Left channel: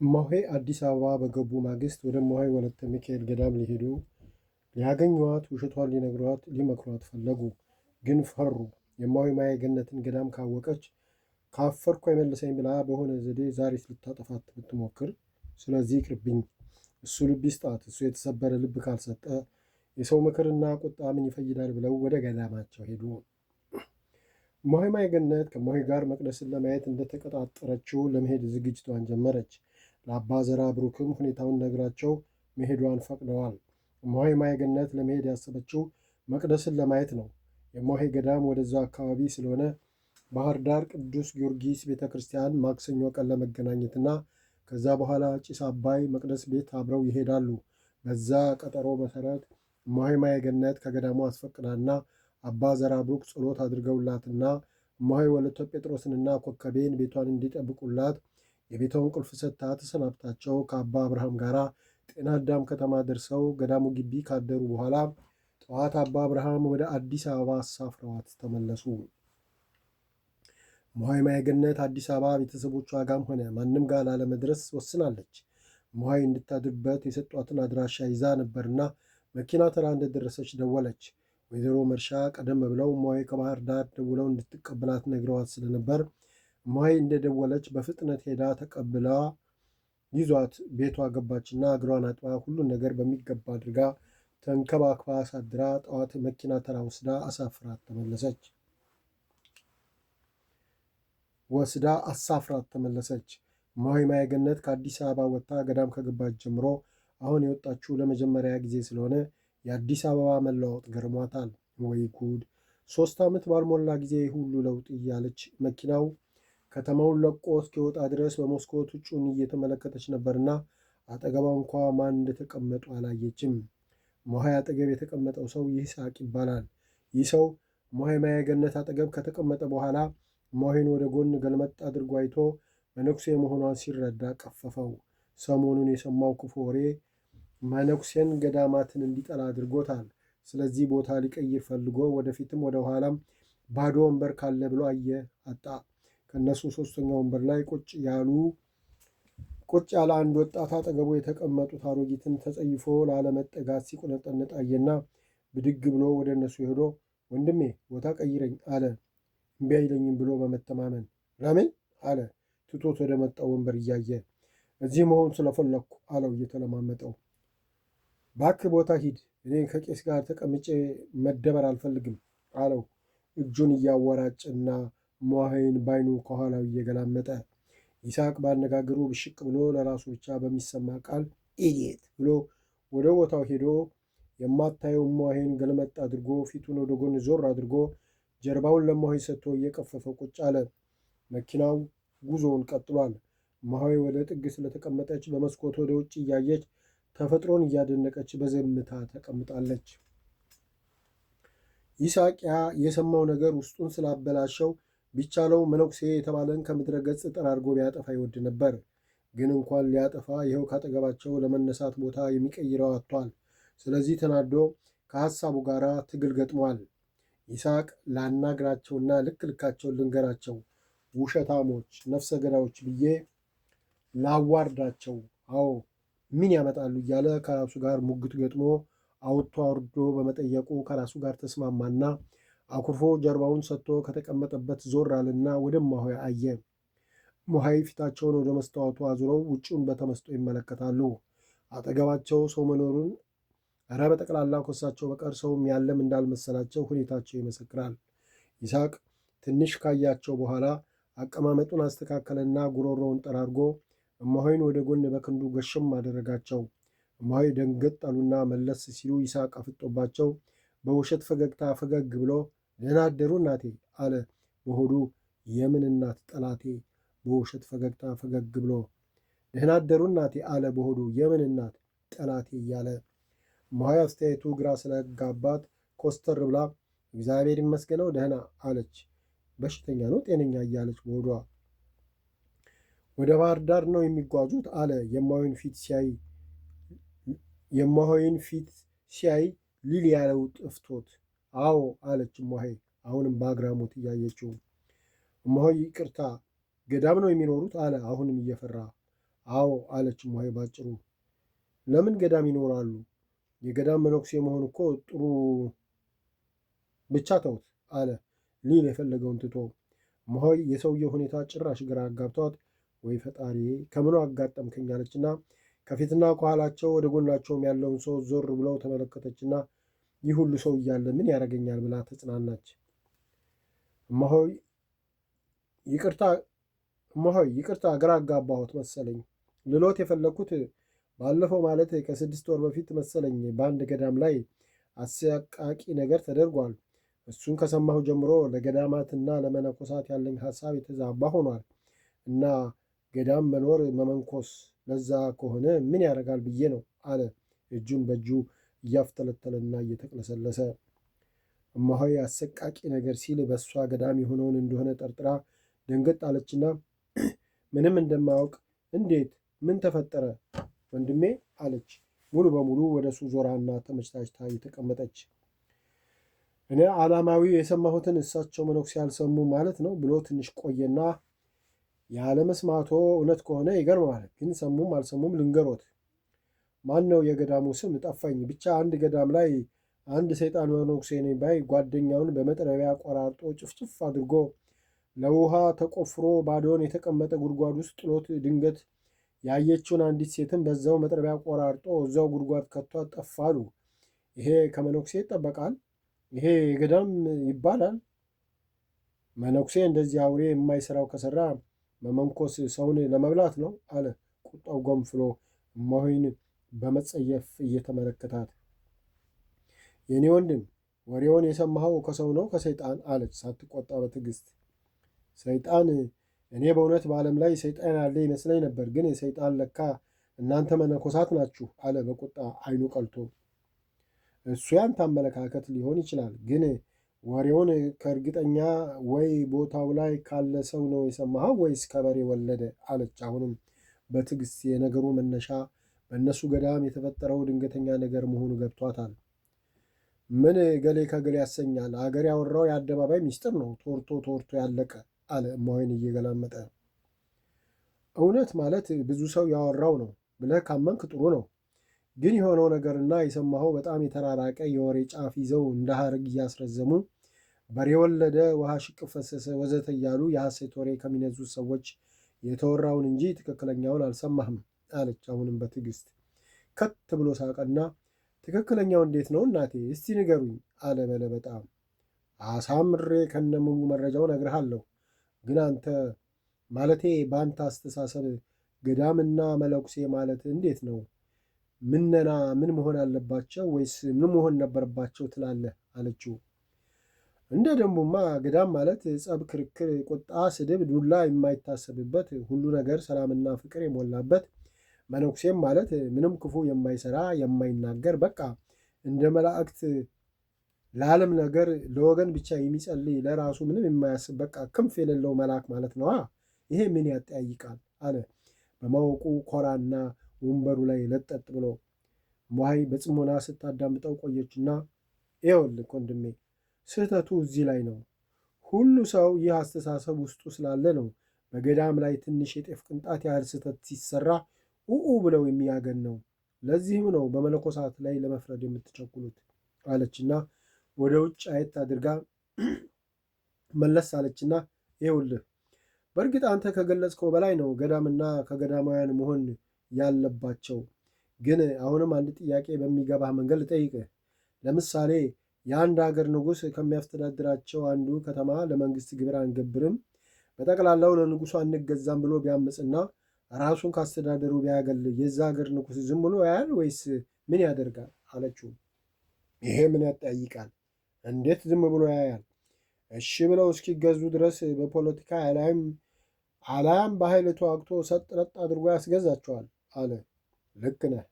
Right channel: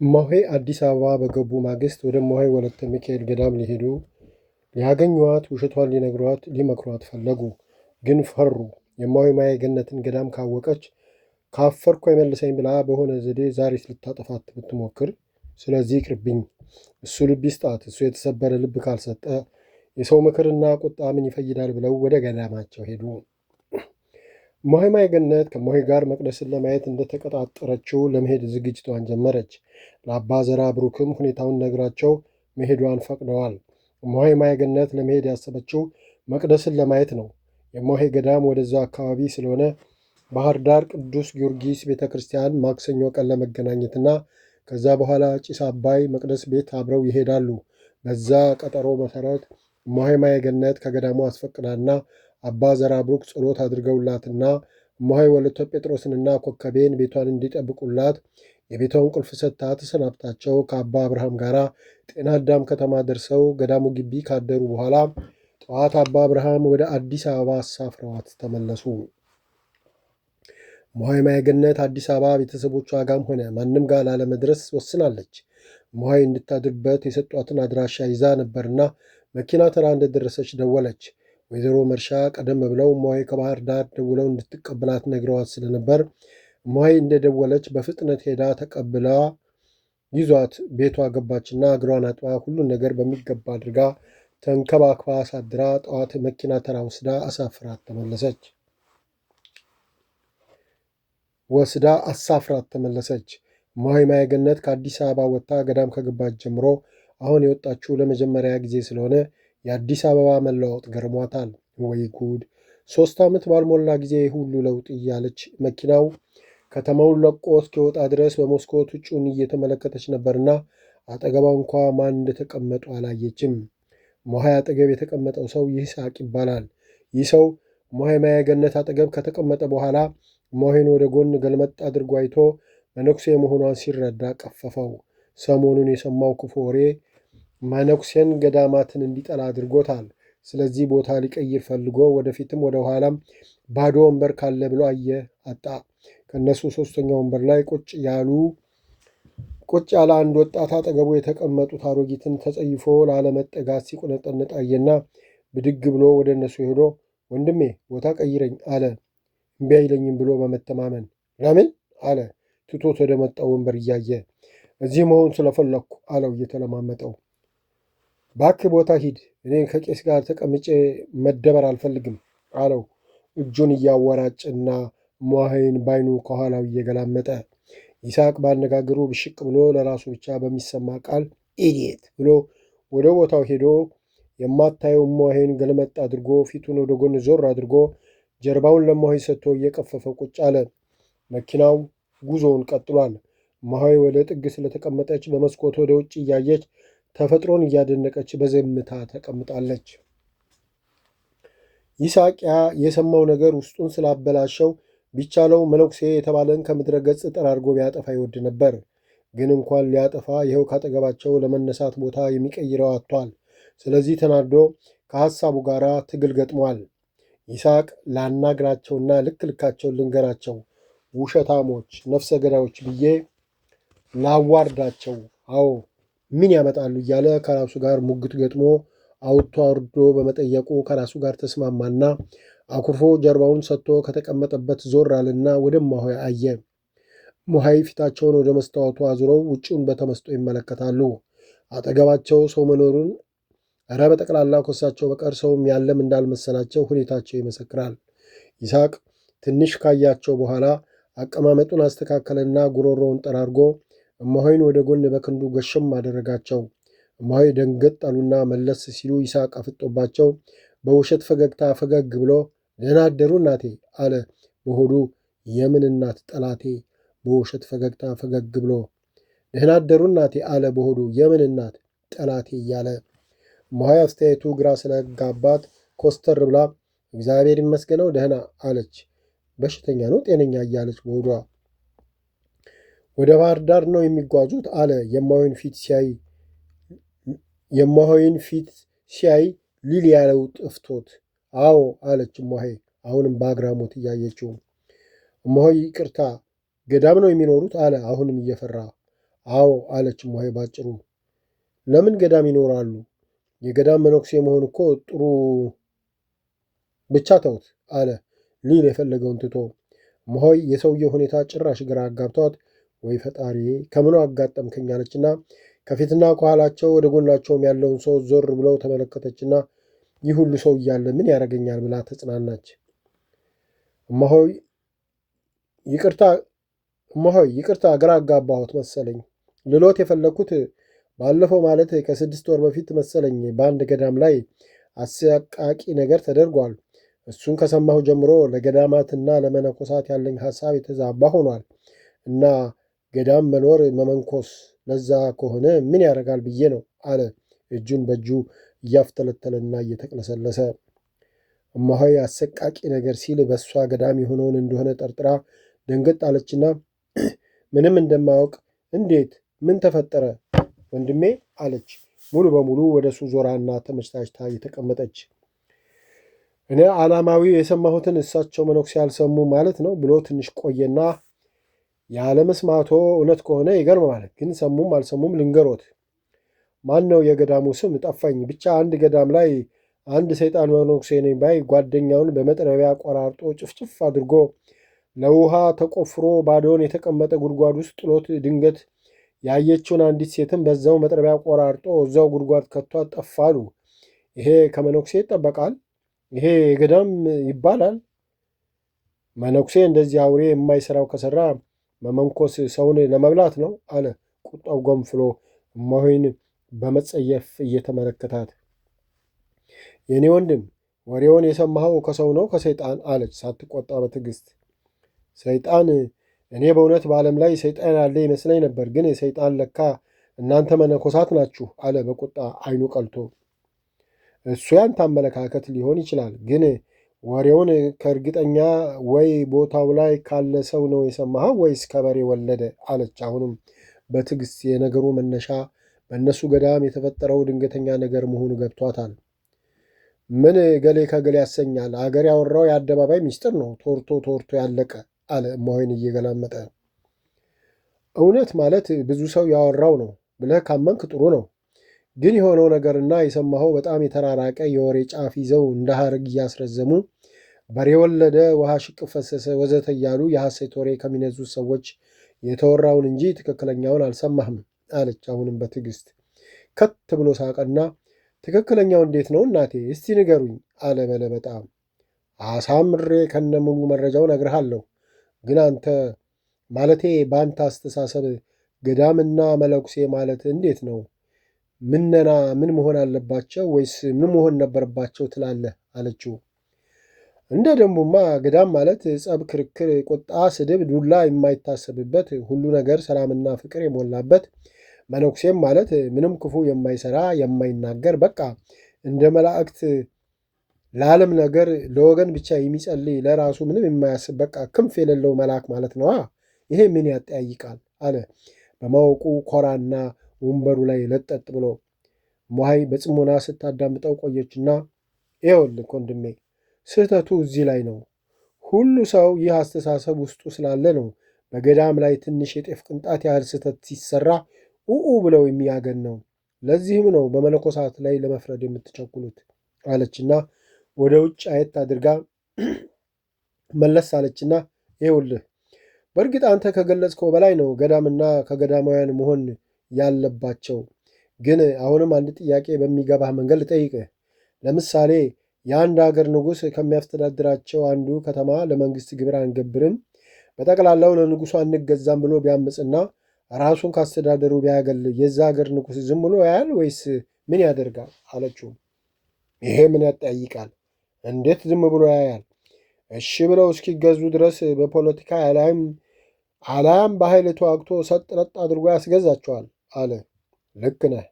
እማሆይ አዲስ አበባ በገቡ ማግስት ወደ እማሆይ ወለተ ሚካኤል ገዳም ሊሄዱ ሊያገኟት ውሸቷን ሊመክሯት ፈለጉ። ግን ፈሩ። የእማሆይ ማየ ገነትን ገዳም ካወቀች ካፈርኩ አይመልሰኝ ብላ በሆነ ዘዴ ዛሬስ ልታጠፋት ብትሞክር፣ ስለዚህ ይቅርብኝ፣ እሱ ልብ ይስጣት፣ እሱ የተሰበረ ልብ ካልሰጠ የሰው ምክርና ቁጣ ምን ይፈይዳል ብለው ወደ ገዳማቸው ሄዱ። እማሆይ ማየ ገነት ከእማሆይ ጋር መቅደስን ለማየት እንደተቀጣጠረችው ለመሄድ ዝግጅቷን ጀመረች። ለአባ ዘራ ብሩክም ሁኔታውን ነግራቸው መሄዷን ፈቅደዋል። እማሆይ ማየ ገነት ለመሄድ ያሰበችው መቅደስን ለማየት ነው። የእማሆይ ገዳም ወደዛ አካባቢ ስለሆነ ባህር ዳር ቅዱስ ጊዮርጊስ ቤተ ክርስቲያን ማክሰኞ ቀን ለመገናኘትና ከዛ በኋላ ጭስ አባይ መቅደስ ቤት አብረው ይሄዳሉ። በዛ ቀጠሮ መሰረት እማሆይ ማየ ገነት ከገዳሙ አስፈቅዳና አባ ዘራ ብሩክ ጸሎት አድርገውላትና እማሆይ ወለተ ጴጥሮስንና ኮከቤን ቤቷን እንዲጠብቁላት የቤቷን ቁልፍ ሰጥታ ተሰናብታቸው ከአባ አብርሃም ጋር ጤና አዳም ከተማ ደርሰው ገዳሙ ግቢ ካደሩ በኋላ ጠዋት አባ አብርሃም ወደ አዲስ አበባ አሳፍረዋት ተመለሱ። እማሆይ ማየ ገነት አዲስ አበባ ቤተሰቦቿ ጋም ሆነ ማንም ጋር ላለመድረስ ወስናለች። እማሆይ እንድታድርበት የሰጧትን አድራሻ ይዛ ነበርና መኪና ተራ እንደደረሰች ደወለች። ወይዘሮ መርሻ ቀደም ብለው እማሆይ ከባህር ዳር ደውለው እንድትቀበላት ነግረዋት ስለነበር እማሆይ እንደደወለች በፍጥነት ሄዳ ተቀብላ ይዟት ቤቷ ገባችና እግሯን አጥባ ሁሉን ነገር በሚገባ አድርጋ ተንከባክባ አሳድራ ጠዋት መኪና ተራ ወስዳ አሳፍራት ተመለሰች። እማሆይ ማየ ገነት ከአዲስ አበባ ወጥታ ገዳም ከገባች ጀምሮ አሁን የወጣችው ለመጀመሪያ ጊዜ ስለሆነ የአዲስ አበባ መለዋወጥ ገርሟታል። ወይ ጉድ! 3 ዓመት ባልሞላ ጊዜ ሁሉ ለውጥ እያለች መኪናው ከተማውን ለቆ እስኪወጣ ድረስ በመስኮት ውጩን እየተመለከተች ነበርና አጠገቧ እንኳ ማን እንደተቀመጡ አላየችም። እማሆይ አጠገብ የተቀመጠው ሰው ይስሐቅ ይባላል። ይህ ሰው እማሆይ ማየ ገነት አጠገብ ከተቀመጠ በኋላ እማሆይን ወደ ጎን ገልመጥ አድርጎ አይቶ መነኩሴ መሆኗን ሲረዳ ቀፈፈው። ሰሞኑን የሰማው ክፉ ወሬ መነኩሴን ገዳማትን እንዲጠላ አድርጎታል። ስለዚህ ቦታ ሊቀይር ፈልጎ ወደፊትም ወደ ኋላም ባዶ ወንበር ካለ ብሎ አየ፣ አጣ። ከእነሱ 3ኛው ወንበር ላይ ቁጭ ያለ አንድ ወጣት አጠገቡ የተቀመጡት አሮጊትን ተጸይፎ ላለመጠጋት ሲቁነጠነጥ አየና ብድግ ብሎ ወደ እነሱ ሄዶ ወንድሜ ቦታ ቀይረኝ አለ። እምቢ አይለኝም ብሎ በመተማመን ለምን አለ። ትቶት ወደ መጣው ወንበር እያየ እዚህ መሆን ስለፈለግኩ አለው እየተለማመጠው። ባክህ ቦታ ሂድ፣ እኔ ከቄስ ጋር ተቀምጬ መደበር አልፈልግም አለው እጁን እያወራጭና እማሆይን ባይኑ ከኋላው እየገላመጠ። ይስሐቅ ባነጋገሩ ብሽቅ ብሎ ለራሱ ብቻ በሚሰማ ቃል ኢዲየት ብሎ ወደ ቦታው ሄዶ የማታየው እማሆይን ገልመጥ አድርጎ ፊቱን ወደ ጎን ዞር አድርጎ ጀርባውን ለእማሆይ ሰጥቶ እየቀፈፈ ቁጭ አለ። መኪናው ጉዞውን ቀጥሏል። እማሆይ ወደ ጥግ ስለተቀመጠች በመስኮት ወደ ውጭ እያየች ተፈጥሮን እያደነቀች በዝምታ ተቀምጣለች። ይስሐቅ የሰማው ነገር ውስጡን ስላበላሸው ቢቻለው መነኩሴ የተባለን ከምድረ ገጽ ጠራርጎ ቢያጠፋ ይወድ ነበር። ግን እንኳን ሊያጠፋ ይኸው ካጠገባቸው ለመነሳት ቦታ የሚቀይረው አጥቷል። ስለዚህ ተናዶ ከሐሳቡ ጋር ትግል ገጥሟል። ይስሐቅ ላናግራቸውና ልክ ልካቸውን ልንገራቸው፣ ውሸታሞች፣ ነፍሰ ገዳዮች ብዬ ላዋርዳቸው፣ አዎ ምን ያመጣሉ እያለ ከራሱ ጋር ሙግት ገጥሞ አውጥቶ አውርዶ በመጠየቁ ከራሱ ጋር ተስማማና አኩርፎ ጀርባውን ሰጥቶ ከተቀመጠበት ዞር አለና ወደ እማሆይ አየ። እማሆይ ፊታቸውን ወደ መስታወቱ አዙረው ውጭውን በተመስጦ ይመለከታሉ። አጠገባቸው ሰው መኖሩን እረ በጠቅላላው ከሳቸው በቀር ሰውም ያለም እንዳልመሰላቸው ሁኔታቸው ይመሰክራል። ይስሐቅ ትንሽ ካያቸው በኋላ አቀማመጡን አስተካከለና ጉሮሮውን ጠራርጎ እማሆይን ወደ ጎን በክንዱ ገሸም አደረጋቸው። እማሆይ ደንገጥ አሉና መለስ ሲሉ ይስሐቅ አፍጦባቸው በውሸት ፈገግታ ፈገግ ብሎ ደህና አደሩ እናቴ አለ በሆዱ። የምን እናት ጠላቴ? በውሸት ፈገግታ ፈገግ ብሎ ደህና አደሩ እናቴ አለ በሆዱ። የምን እናት ጠላቴ እያለ እማሆይ አስተያየቱ ግራ ስለጋባት ኮስተር ብላ እግዚአብሔር ይመስገነው ደህና አለች። በሽተኛ ነው ጤነኛ እያለች በሆዷ። ወደ ባህር ዳር ነው የሚጓዙት አለ የእማሆይን ፊት ሲያይ ሊል ያለው ጥፍቶት። አዎ አለች እማሆይ አሁንም በአግራሞት እያየችው። እማሆይ ይቅርታ ገዳም ነው የሚኖሩት አለ አሁንም እየፈራ። አዎ አለች እማሆይ ባጭሩ። ለምን ገዳም ይኖራሉ? የገዳም መነኩሴ መሆን እኮ ጥሩ። ብቻ ተውት አለ ሊል የፈለገውን ትቶ። እማሆይ የሰውየው ሁኔታ ጭራሽ ግራ አጋብቷት ወይ ፈጣሪ ከምኑ አጋጠምከኝ አለችና ከፊትና ከኋላቸው ወደ ጎናቸውም ያለውን ሰው ዞር ብለው ተመለከተችና ይህ ሁሉ ሰው እያለ ምን ያደርገኛል ብላ ተጽናናች። እማሆይ ይቅርታ ግራ አጋባሁት መሰለኝ። ልሎት የፈለግኩት ባለፈው ማለት ከ6 ወር በፊት መሰለኝ በአንድ ገዳም ላይ አሰቃቂ ነገር ተደርጓል። እሱን ከሰማሁ ጀምሮ ለገዳማትና ለመነኮሳት ያለኝ ሐሳብ የተዛባ ሆኗል እና ገዳም መኖር መመንኮስ ለዛ ከሆነ ምን ያደርጋል ብዬ ነው አለ እጁን በእጁ እያፍተለተለና እየተቅለሰለሰ። እማሆይ አሰቃቂ ነገር ሲል በእሷ ገዳም የሆነውን እንደሆነ ጠርጥራ ደንገጥ አለችና ምንም እንደማያውቅ እንዴት ምን ተፈጠረ ወንድሜ አለች ሙሉ በሙሉ ወደ እሱ ዞራና ተመችታችታ እየተቀመጠች። እኔ ዓላማዊ የሰማሁትን እሳቸው መነኩሴ ያልሰሙ ማለት ነው ብሎ ትንሽ ቆየና ያለመስማቶ እውነት ከሆነ ይገርማል፣ ግን ሰሙም አልሰሙም ልንገሮት። ማን ነው የገዳሙ ስም ጠፋኝ። ብቻ አንድ ገዳም ላይ አንድ ሰይጣን መነኩሴ ነኝ ባይ ጓደኛውን በመጥረቢያ ቆራርጦ ጭፍጭፍ አድርጎ ለውሃ ተቆፍሮ ባዶውን የተቀመጠ ጉድጓድ ውስጥ ጥሎት ድንገት ያየችውን አንዲት ሴትም በዛው መጥረቢያ ቆራርጦ እዛው ጉድጓድ ከቷት ጠፋሉ። ይሄ ከመነኩሴ ይጠበቃል? ይሄ ገዳም ይባላል? መነኩሴ እንደዚህ አውሬ የማይሰራው ከሰራ መመንኮስ ሰውን ለመብላት ነው አለ ቁጣው ጎንፍሎ እማሆይን በመጸየፍ እየተመለከታት። የእኔ ወንድም ወሬውን የሰማኸው ከሰው ነው ከሰይጣን አለች ሳትቆጣ በትዕግስት። ሰይጣን? እኔ በእውነት በዓለም ላይ ሰይጣን ያለ ይመስለኝ ነበር፣ ግን ሰይጣን ለካ እናንተ መነኮሳት ናችሁ አለ በቁጣ አይኑ ቀልቶ። እሱ ያንተ አመለካከት ሊሆን ይችላል፣ ግን ወሬውን ከእርግጠኛ ወይ ቦታው ላይ ካለ ሰው ነው የሰማኸው ወይስ ከበሬ ወለደ አለች አሁንም በትዕግስት። የነገሩ መነሻ በእነሱ ገዳም የተፈጠረው ድንገተኛ ነገር መሆኑ ገብቷታል። ምን ገሌ ከገሌ ያሰኛል? አገር ያወራው የአደባባይ ሚስጥር ነው፣ ተወርቶ ያለቀ አለ እማሆይን እየገላመጠ። እውነት ማለት ብዙ ሰው ያወራው ነው ብለህ ካመንክ ጥሩ ነው፣ ግን የሆነው ነገርና የሰማኸው በጣም የተራራቀ የወሬ ጫፍ ይዘው እንደ ሐረግ እያስረዘሙ በሬ ወለደ፣ ውሃ ሽቅብ ፈሰሰ፣ ወዘተ እያሉ የሐሰት ወሬ ከሚነዙት ሰዎች የተወራውን እንጂ ትክክለኛውን አልሰማህም አለች አሁንም በትዕግስት። ከት ብሎ ሳቀና ትክክለኛው እንዴት ነው እናቴ እስቲ ንገሩኝ አለ በለበጣ። አሳምሬ ከነሙሉ መረጃው ነግርሃለሁ፣ ግን አንተ ማለቴ በአንተ አስተሳሰብ ገዳምና መለኩሴ ማለት እንዴት ነው? ምነና ምን መሆን አለባቸው ወይስ ምን መሆን ነበረባቸው ትላለህ አለችው። እንደ ደንቡማ ገዳም ማለት ጸብ፣ ክርክር፣ ቁጣ፣ ስድብ፣ ዱላ የማይታሰብበት ሁሉ ነገር ሰላምና ፍቅር የሞላበት፣ መነኩሴም ማለት ምንም ክፉ የማይሰራ የማይናገር፣ በቃ እንደ መላእክት ለዓለም ነገር ለወገን ብቻ የሚጸልይ ለራሱ ምንም የማያስብ በቃ ክንፍ የሌለው መልአክ ማለት ነዋ። ይሄ ምን ያጠያይቃል አለ በማወቁ ኮራና ወንበሩ ላይ ለጠጥ ብሎ። እማሆይ በጽሞና ስታዳምጠው ቆየችና ይኸውልህ ወንድሜ ስህተቱ እዚህ ላይ ነው። ሁሉ ሰው ይህ አስተሳሰብ ውስጡ ስላለ ነው በገዳም ላይ ትንሽ የጤፍ ቅንጣት ያህል ስህተት ሲሰራ ኡኡ ብለው የሚያገን ነው። ለዚህም ነው በመነኮሳት ላይ ለመፍረድ የምትቸኩሉት አለችና ወደ ውጭ አየት አድርጋ መለስ አለችና ይኸውልህ በእርግጥ አንተ ከገለጽከው በላይ ነው ገዳምና ከገዳማውያን መሆን ያለባቸው። ግን አሁንም አንድ ጥያቄ በሚገባህ መንገድ ልጠይቅህ። ለምሳሌ የአንድ ሀገር ንጉሥ ከሚያስተዳድራቸው አንዱ ከተማ ለመንግስት ግብር አንገብርም፣ በጠቅላላው ለንጉሱ አንገዛም ብሎ ቢያምፅና ራሱን ካስተዳደሩ ቢያገል የዛ ሀገር ንጉሥ ዝም ብሎ ያያል ወይስ ምን ያደርጋል አለችው። ይሄ ምን ያጠያይቃል? እንዴት ዝም ብሎ ያያል? እሺ ብለው እስኪገዙ ድረስ በፖለቲካ አላያም በኃይል ተዋግቶ ሰጥ ለጥ አድርጎ ያስገዛቸዋል አለ። ልክ ነህ።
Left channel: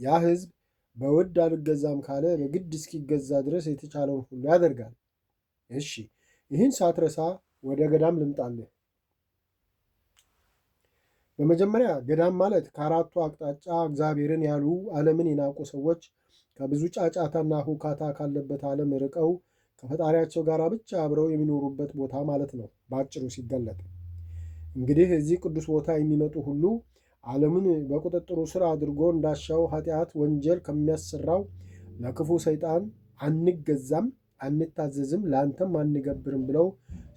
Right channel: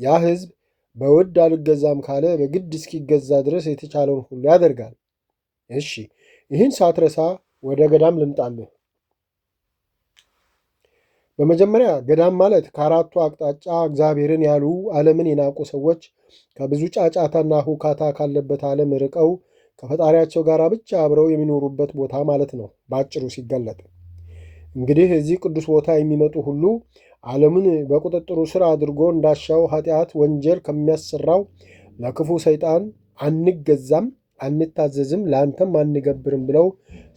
ያ ህዝብ በውድ አልገዛም ካለ በግድ እስኪገዛ ድረስ የተቻለውን ሁሉ ያደርጋል። እሺ ይህን ሳትረሳ ወደ ገዳም ልምጣልህ። በመጀመሪያ ገዳም ማለት ከአራቱ አቅጣጫ እግዚአብሔርን ያሉ ዓለምን የናቁ ሰዎች ከብዙ ጫጫታና ሁካታ ካለበት ዓለም ርቀው ከፈጣሪያቸው ጋር ብቻ አብረው የሚኖሩበት ቦታ ማለት ነው በአጭሩ ሲገለጥ። እንግዲህ እዚህ ቅዱስ ቦታ የሚመጡ ሁሉ ዓለምን በቁጥጥሩ ስር አድርጎ እንዳሻው ኃጢአት፣ ወንጀል ከሚያሰራው ለክፉ ሰይጣን አንገዛም፣ አንታዘዝም፣ ለአንተም አንገብርም ብለው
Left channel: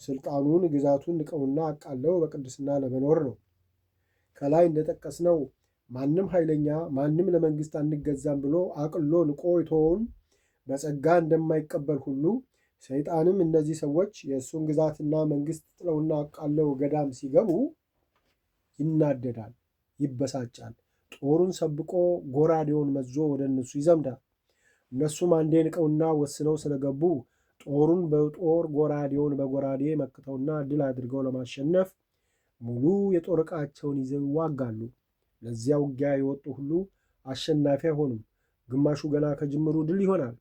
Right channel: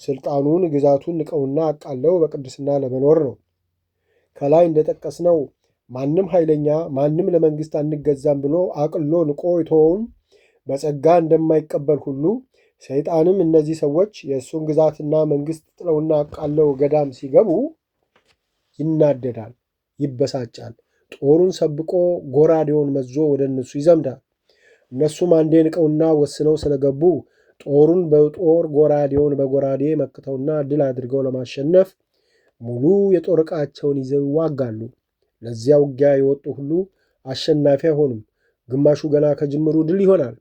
ስልጣኑን፣ ግዛቱን ንቀውና አቃለው በቅድስና ለመኖር ነው። ከላይ እንደጠቀስነው ማንም ኃይለኛ ማንም ለመንግስት አንገዛም ብሎ አቅሎ ንቆ የተወውን በጸጋ እንደማይቀበል ሁሉ ሰይጣንም እነዚህ ሰዎች የእሱን ግዛትና መንግስት ጥለውና አቃለው ገዳም ሲገቡ ይናደዳል፣ ይበሳጫል። ጦሩን ሰብቆ ጎራዴውን መዞ ወደ እነሱ ይዘምዳል። እነሱም አንዴ ንቀውና ወስነው ስለገቡ ጦሩን በጦር ጎራዴውን በጎራዴ መክተውና ድል አድርገው ለማሸነፍ ሙሉ የጦር ዕቃቸውን ይዘው ይዋጋሉ። ለዚያ ውጊያ የወጡ ሁሉ አሸናፊ አይሆኑም። ግማሹ ገና ከጅምሩ ድል ይሆናል።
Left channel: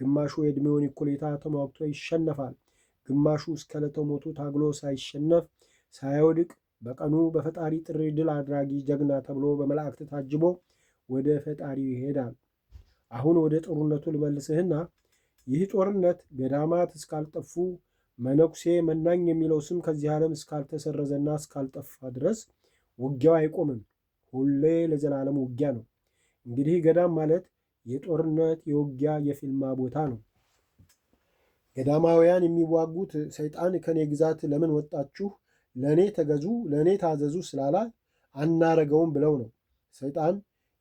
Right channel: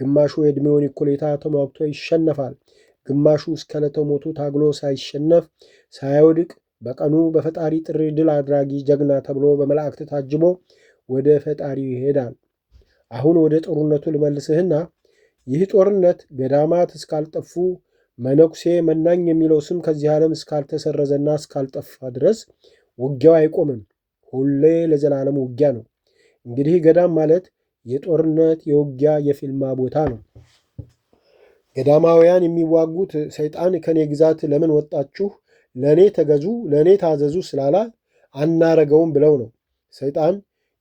ግማሹ የዕድሜውን እኩሌታ ተሟግቶ ይሸነፋል። ግማሹ እስከ ዕለተ ሞቱ ታግሎ ሳይሸነፍ ሳይወድቅ በቀኑ በፈጣሪ ጥሪ ድል አድራጊ ጀግና ተብሎ በመላእክት ታጅቦ ወደ ፈጣሪው ይሄዳል። አሁን ወደ ጦርነቱ ልመልስህና ይህ ጦርነት ገዳማት እስካልጠፉ መነኩሴ መናኝ የሚለው ስም ከዚህ ዓለም እስካልተሰረዘና እስካልጠፋ ድረስ ውጊያው አይቆምም። ሁሌ ለዘላለም ውጊያ ነው። እንግዲህ ገዳም ማለት የጦርነት የውጊያ የፊልማ ቦታ ነው። ገዳማውያን የሚዋጉት ሰይጣን ከኔ ግዛት ለምን ወጣችሁ፣ ለእኔ ተገዙ፣ ለእኔ ታዘዙ ስላላ አናረገውም ብለው ነው። ሰይጣን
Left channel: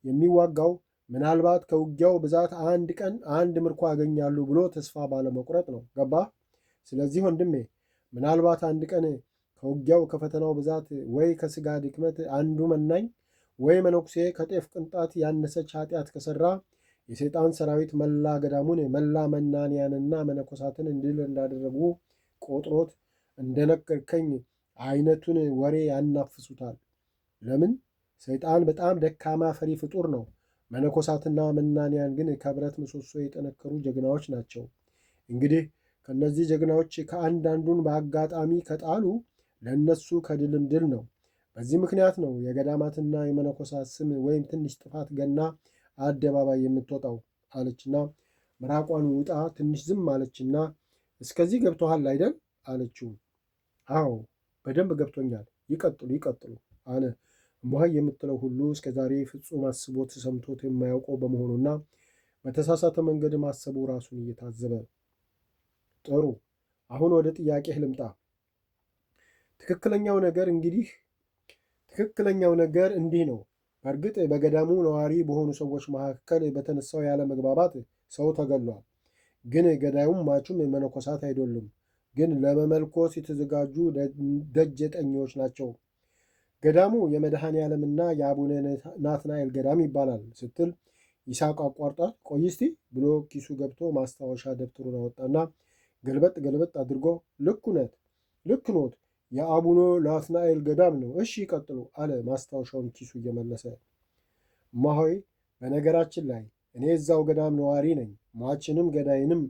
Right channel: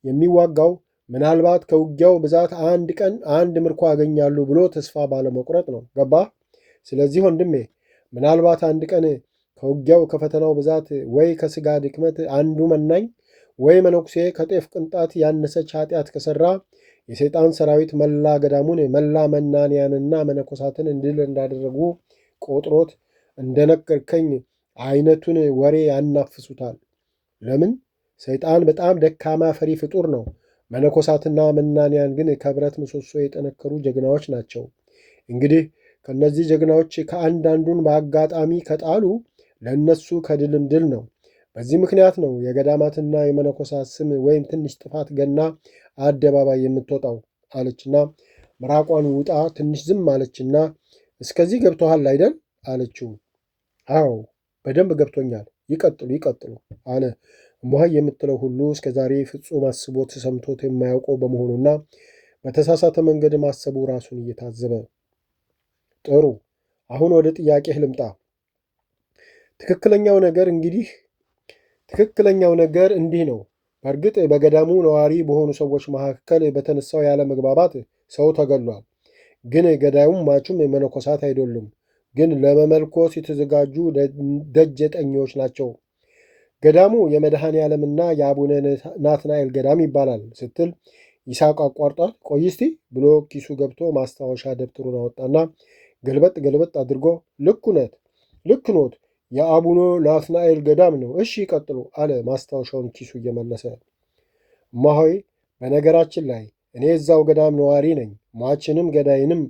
የሚዋጋው ምናልባት ከውጊያው ብዛት አንድ ቀን አንድ ምርኮ ያገኛሉ ብሎ ተስፋ ባለመቁረጥ ነው። ገባ? ስለዚህ ወንድሜ ምናልባት አንድ ቀን ከውጊያው ከፈተናው ብዛት ወይ ከስጋ ድክመት አንዱ መናኝ ወይ መነኩሴ ከጤፍ ቅንጣት ያነሰች ኃጢአት ከሠራ የሰይጣን ሰራዊት መላ ገዳሙን መላ መናንያንና መነኮሳትን እንድል እንዳደረጉ ቆጥሮት እንደነገርከኝ አይነቱን ወሬ ያናፍሱታል። ለምን? ሰይጣን በጣም ደካማ ፈሪ ፍጡር ነው። መነኮሳትና መናንያን ግን ከብረት ምሰሶ የጠነከሩ ጀግናዎች ናቸው። እንግዲህ ከእነዚህ ጀግናዎች ከአንዳንዱን በአጋጣሚ ከጣሉ ለእነሱ ከድልም ድል ነው። በዚህ ምክንያት ነው የገዳማትና የመነኮሳት ስም ወይም ትንሽ ጥፋት ገና አደባባይ የምትወጣው አለችና ምራቋን ውጣ ትንሽ ዝም አለችና እስከዚህ ገብቶሃል አይደል አለችው። አዎ በደንብ ገብቶኛል፣ ይቀጥሉ ይቀጥሉ አለ። እሙሃይ የምትለው ሁሉ እስከ ዛሬ ፍጹም አስቦት ሰምቶት የማያውቀው በመሆኑና በተሳሳተ መንገድ ማሰቡ ራሱን እየታዘበ ጥሩ፣ አሁን ወደ ጥያቄህ ልምጣ። ትክክለኛው ነገር እንዲህ ነው። በእርግጥ በገዳሙ ነዋሪ በሆኑ ሰዎች መካከል በተነሳው ያለ መግባባት ሰው ተገሏል። ግን ገዳዩም ማቹም መነኮሳት አይደሉም፣ ግን ለመመልኮስ የተዘጋጁ ደጀጠኞች ናቸው። ገዳሙ የመድኃኔ ዓለምና የአቡነ ናትናኤል ገዳም ይባላል ስትል ይስሐቅ አቋርጧል። ቆይ እስቲ ብሎ ኪሱ ገብቶ ማስታወሻ ደብተሩን አወጣና ገልበጥ ገልበጥ አድርጎ ልክ ኖት የአቡነ ናትናኤል ገዳም ነው። እሺ ይቀጥሉ አለ ማስታወሻውን ኪሱ እየመለሰ። እማሆይ በነገራችን ላይ እኔ እዛው ገዳም ነዋሪ ነኝ፣ ሟችንም ገዳይንም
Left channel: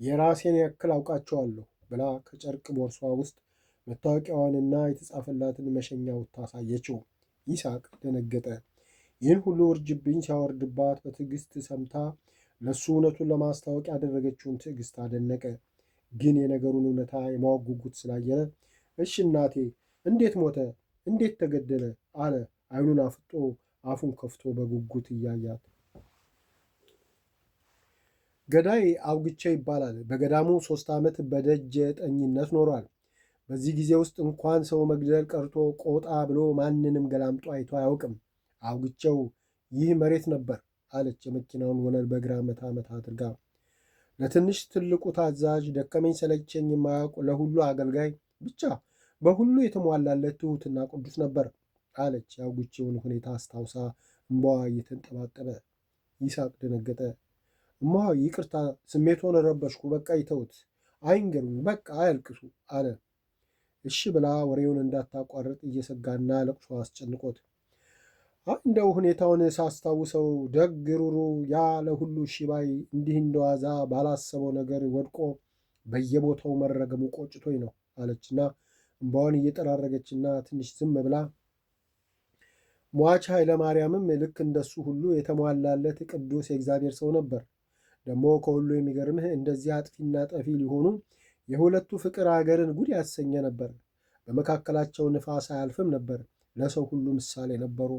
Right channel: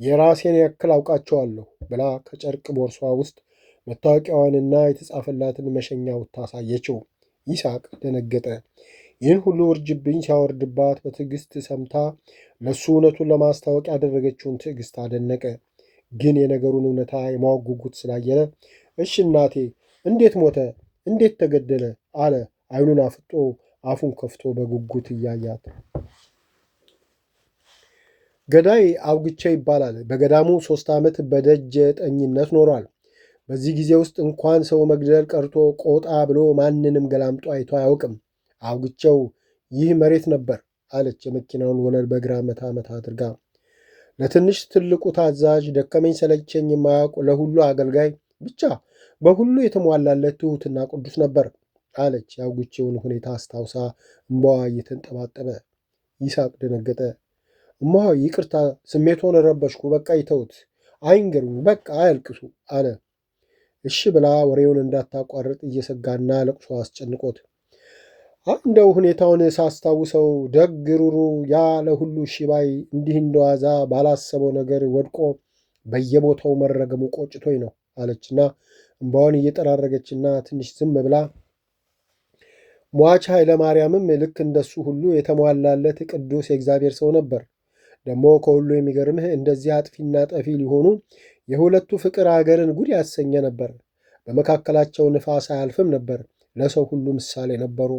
የራሴን ያክል አውቃቸዋለሁ ብላ ከጨርቅ ቦርሷ ውስጥ መታወቂያዋንና የተጻፈላትን መሸኛ ታሳየችው። ይስሐቅ ደነገጠ። ይህን ሁሉ ውርጅብኝ ሲያወርድባት በትዕግስት ሰምታ ለእሱ እውነቱን ለማስታወቅ ያደረገችውን ትዕግስት አደነቀ። ግን የነገሩን እውነታ የማወቅ ጉጉት ስላየለ እሺ እናቴ እንዴት ሞተ? እንዴት ተገደለ? አለ አይኑን አፍጦ አፉን ከፍቶ በጉጉት እያያት። ገዳይ አውግቼ ይባላል። በገዳሙ 3 ዓመት በደጀ ጠኝነት ኖሯል። በዚህ ጊዜ ውስጥ እንኳን ሰው መግደል ቀርቶ ቆጣ ብሎ ማንንም ገላምጦ አይቶ አያውቅም። አውግቸው ይህ መሬት ነበር አለች የመኪናውን ወለል በግራ መታ መታ አድርጋ። ለትንሽ ትልቁ ታዛዥ፣ ደከመኝ ሰለቸኝ የማያውቅ ለሁሉ አገልጋይ፣ ብቻ በሁሉ የተሟላለት ትሑትና ቅዱስ ነበር አለች የአውግቼውን ሁኔታ አስታውሳ እምባዋ እየተንጠባጠበ። ይስሐቅ ደነገጠ። እማሆይ ይቅርታ፣ ስሜቶን ረበሽኩ፣ በቃ ይተውት፣ አይንገሩኝ፣ በቃ አያልቅሱ አለ። እሺ ብላ ወሬውን እንዳታቋርጥ እየሰጋና ለቅሶ አስጨንቆት፣ እንደው ሁኔታውን ሳስታውሰው ደግ ሩሩ ያ ለሁሉ ሺባይ እንዲህ እንደዋዛ ባላሰበው ነገር ወድቆ በየቦታው መረገሙ ቆጭቶኝ ነው አለችና እምባዋን እየጠራረገችና ትንሽ ዝም ብላ ሟች ኃይለ ማርያምም ልክ እንደሱ ሁሉ የተሟላለት ቅዱስ የእግዚአብሔር ሰው ነበር። ደግሞ ከሁሉ የሚገርምህ እንደዚህ አጥፊና ጠፊ ሊሆኑ የሁለቱ ፍቅር አገርን ጉድ ያሰኘ ነበር። በመካከላቸው ንፋስ አያልፍም ነበር። ለሰው ሁሉ ምሳሌ ነበሩ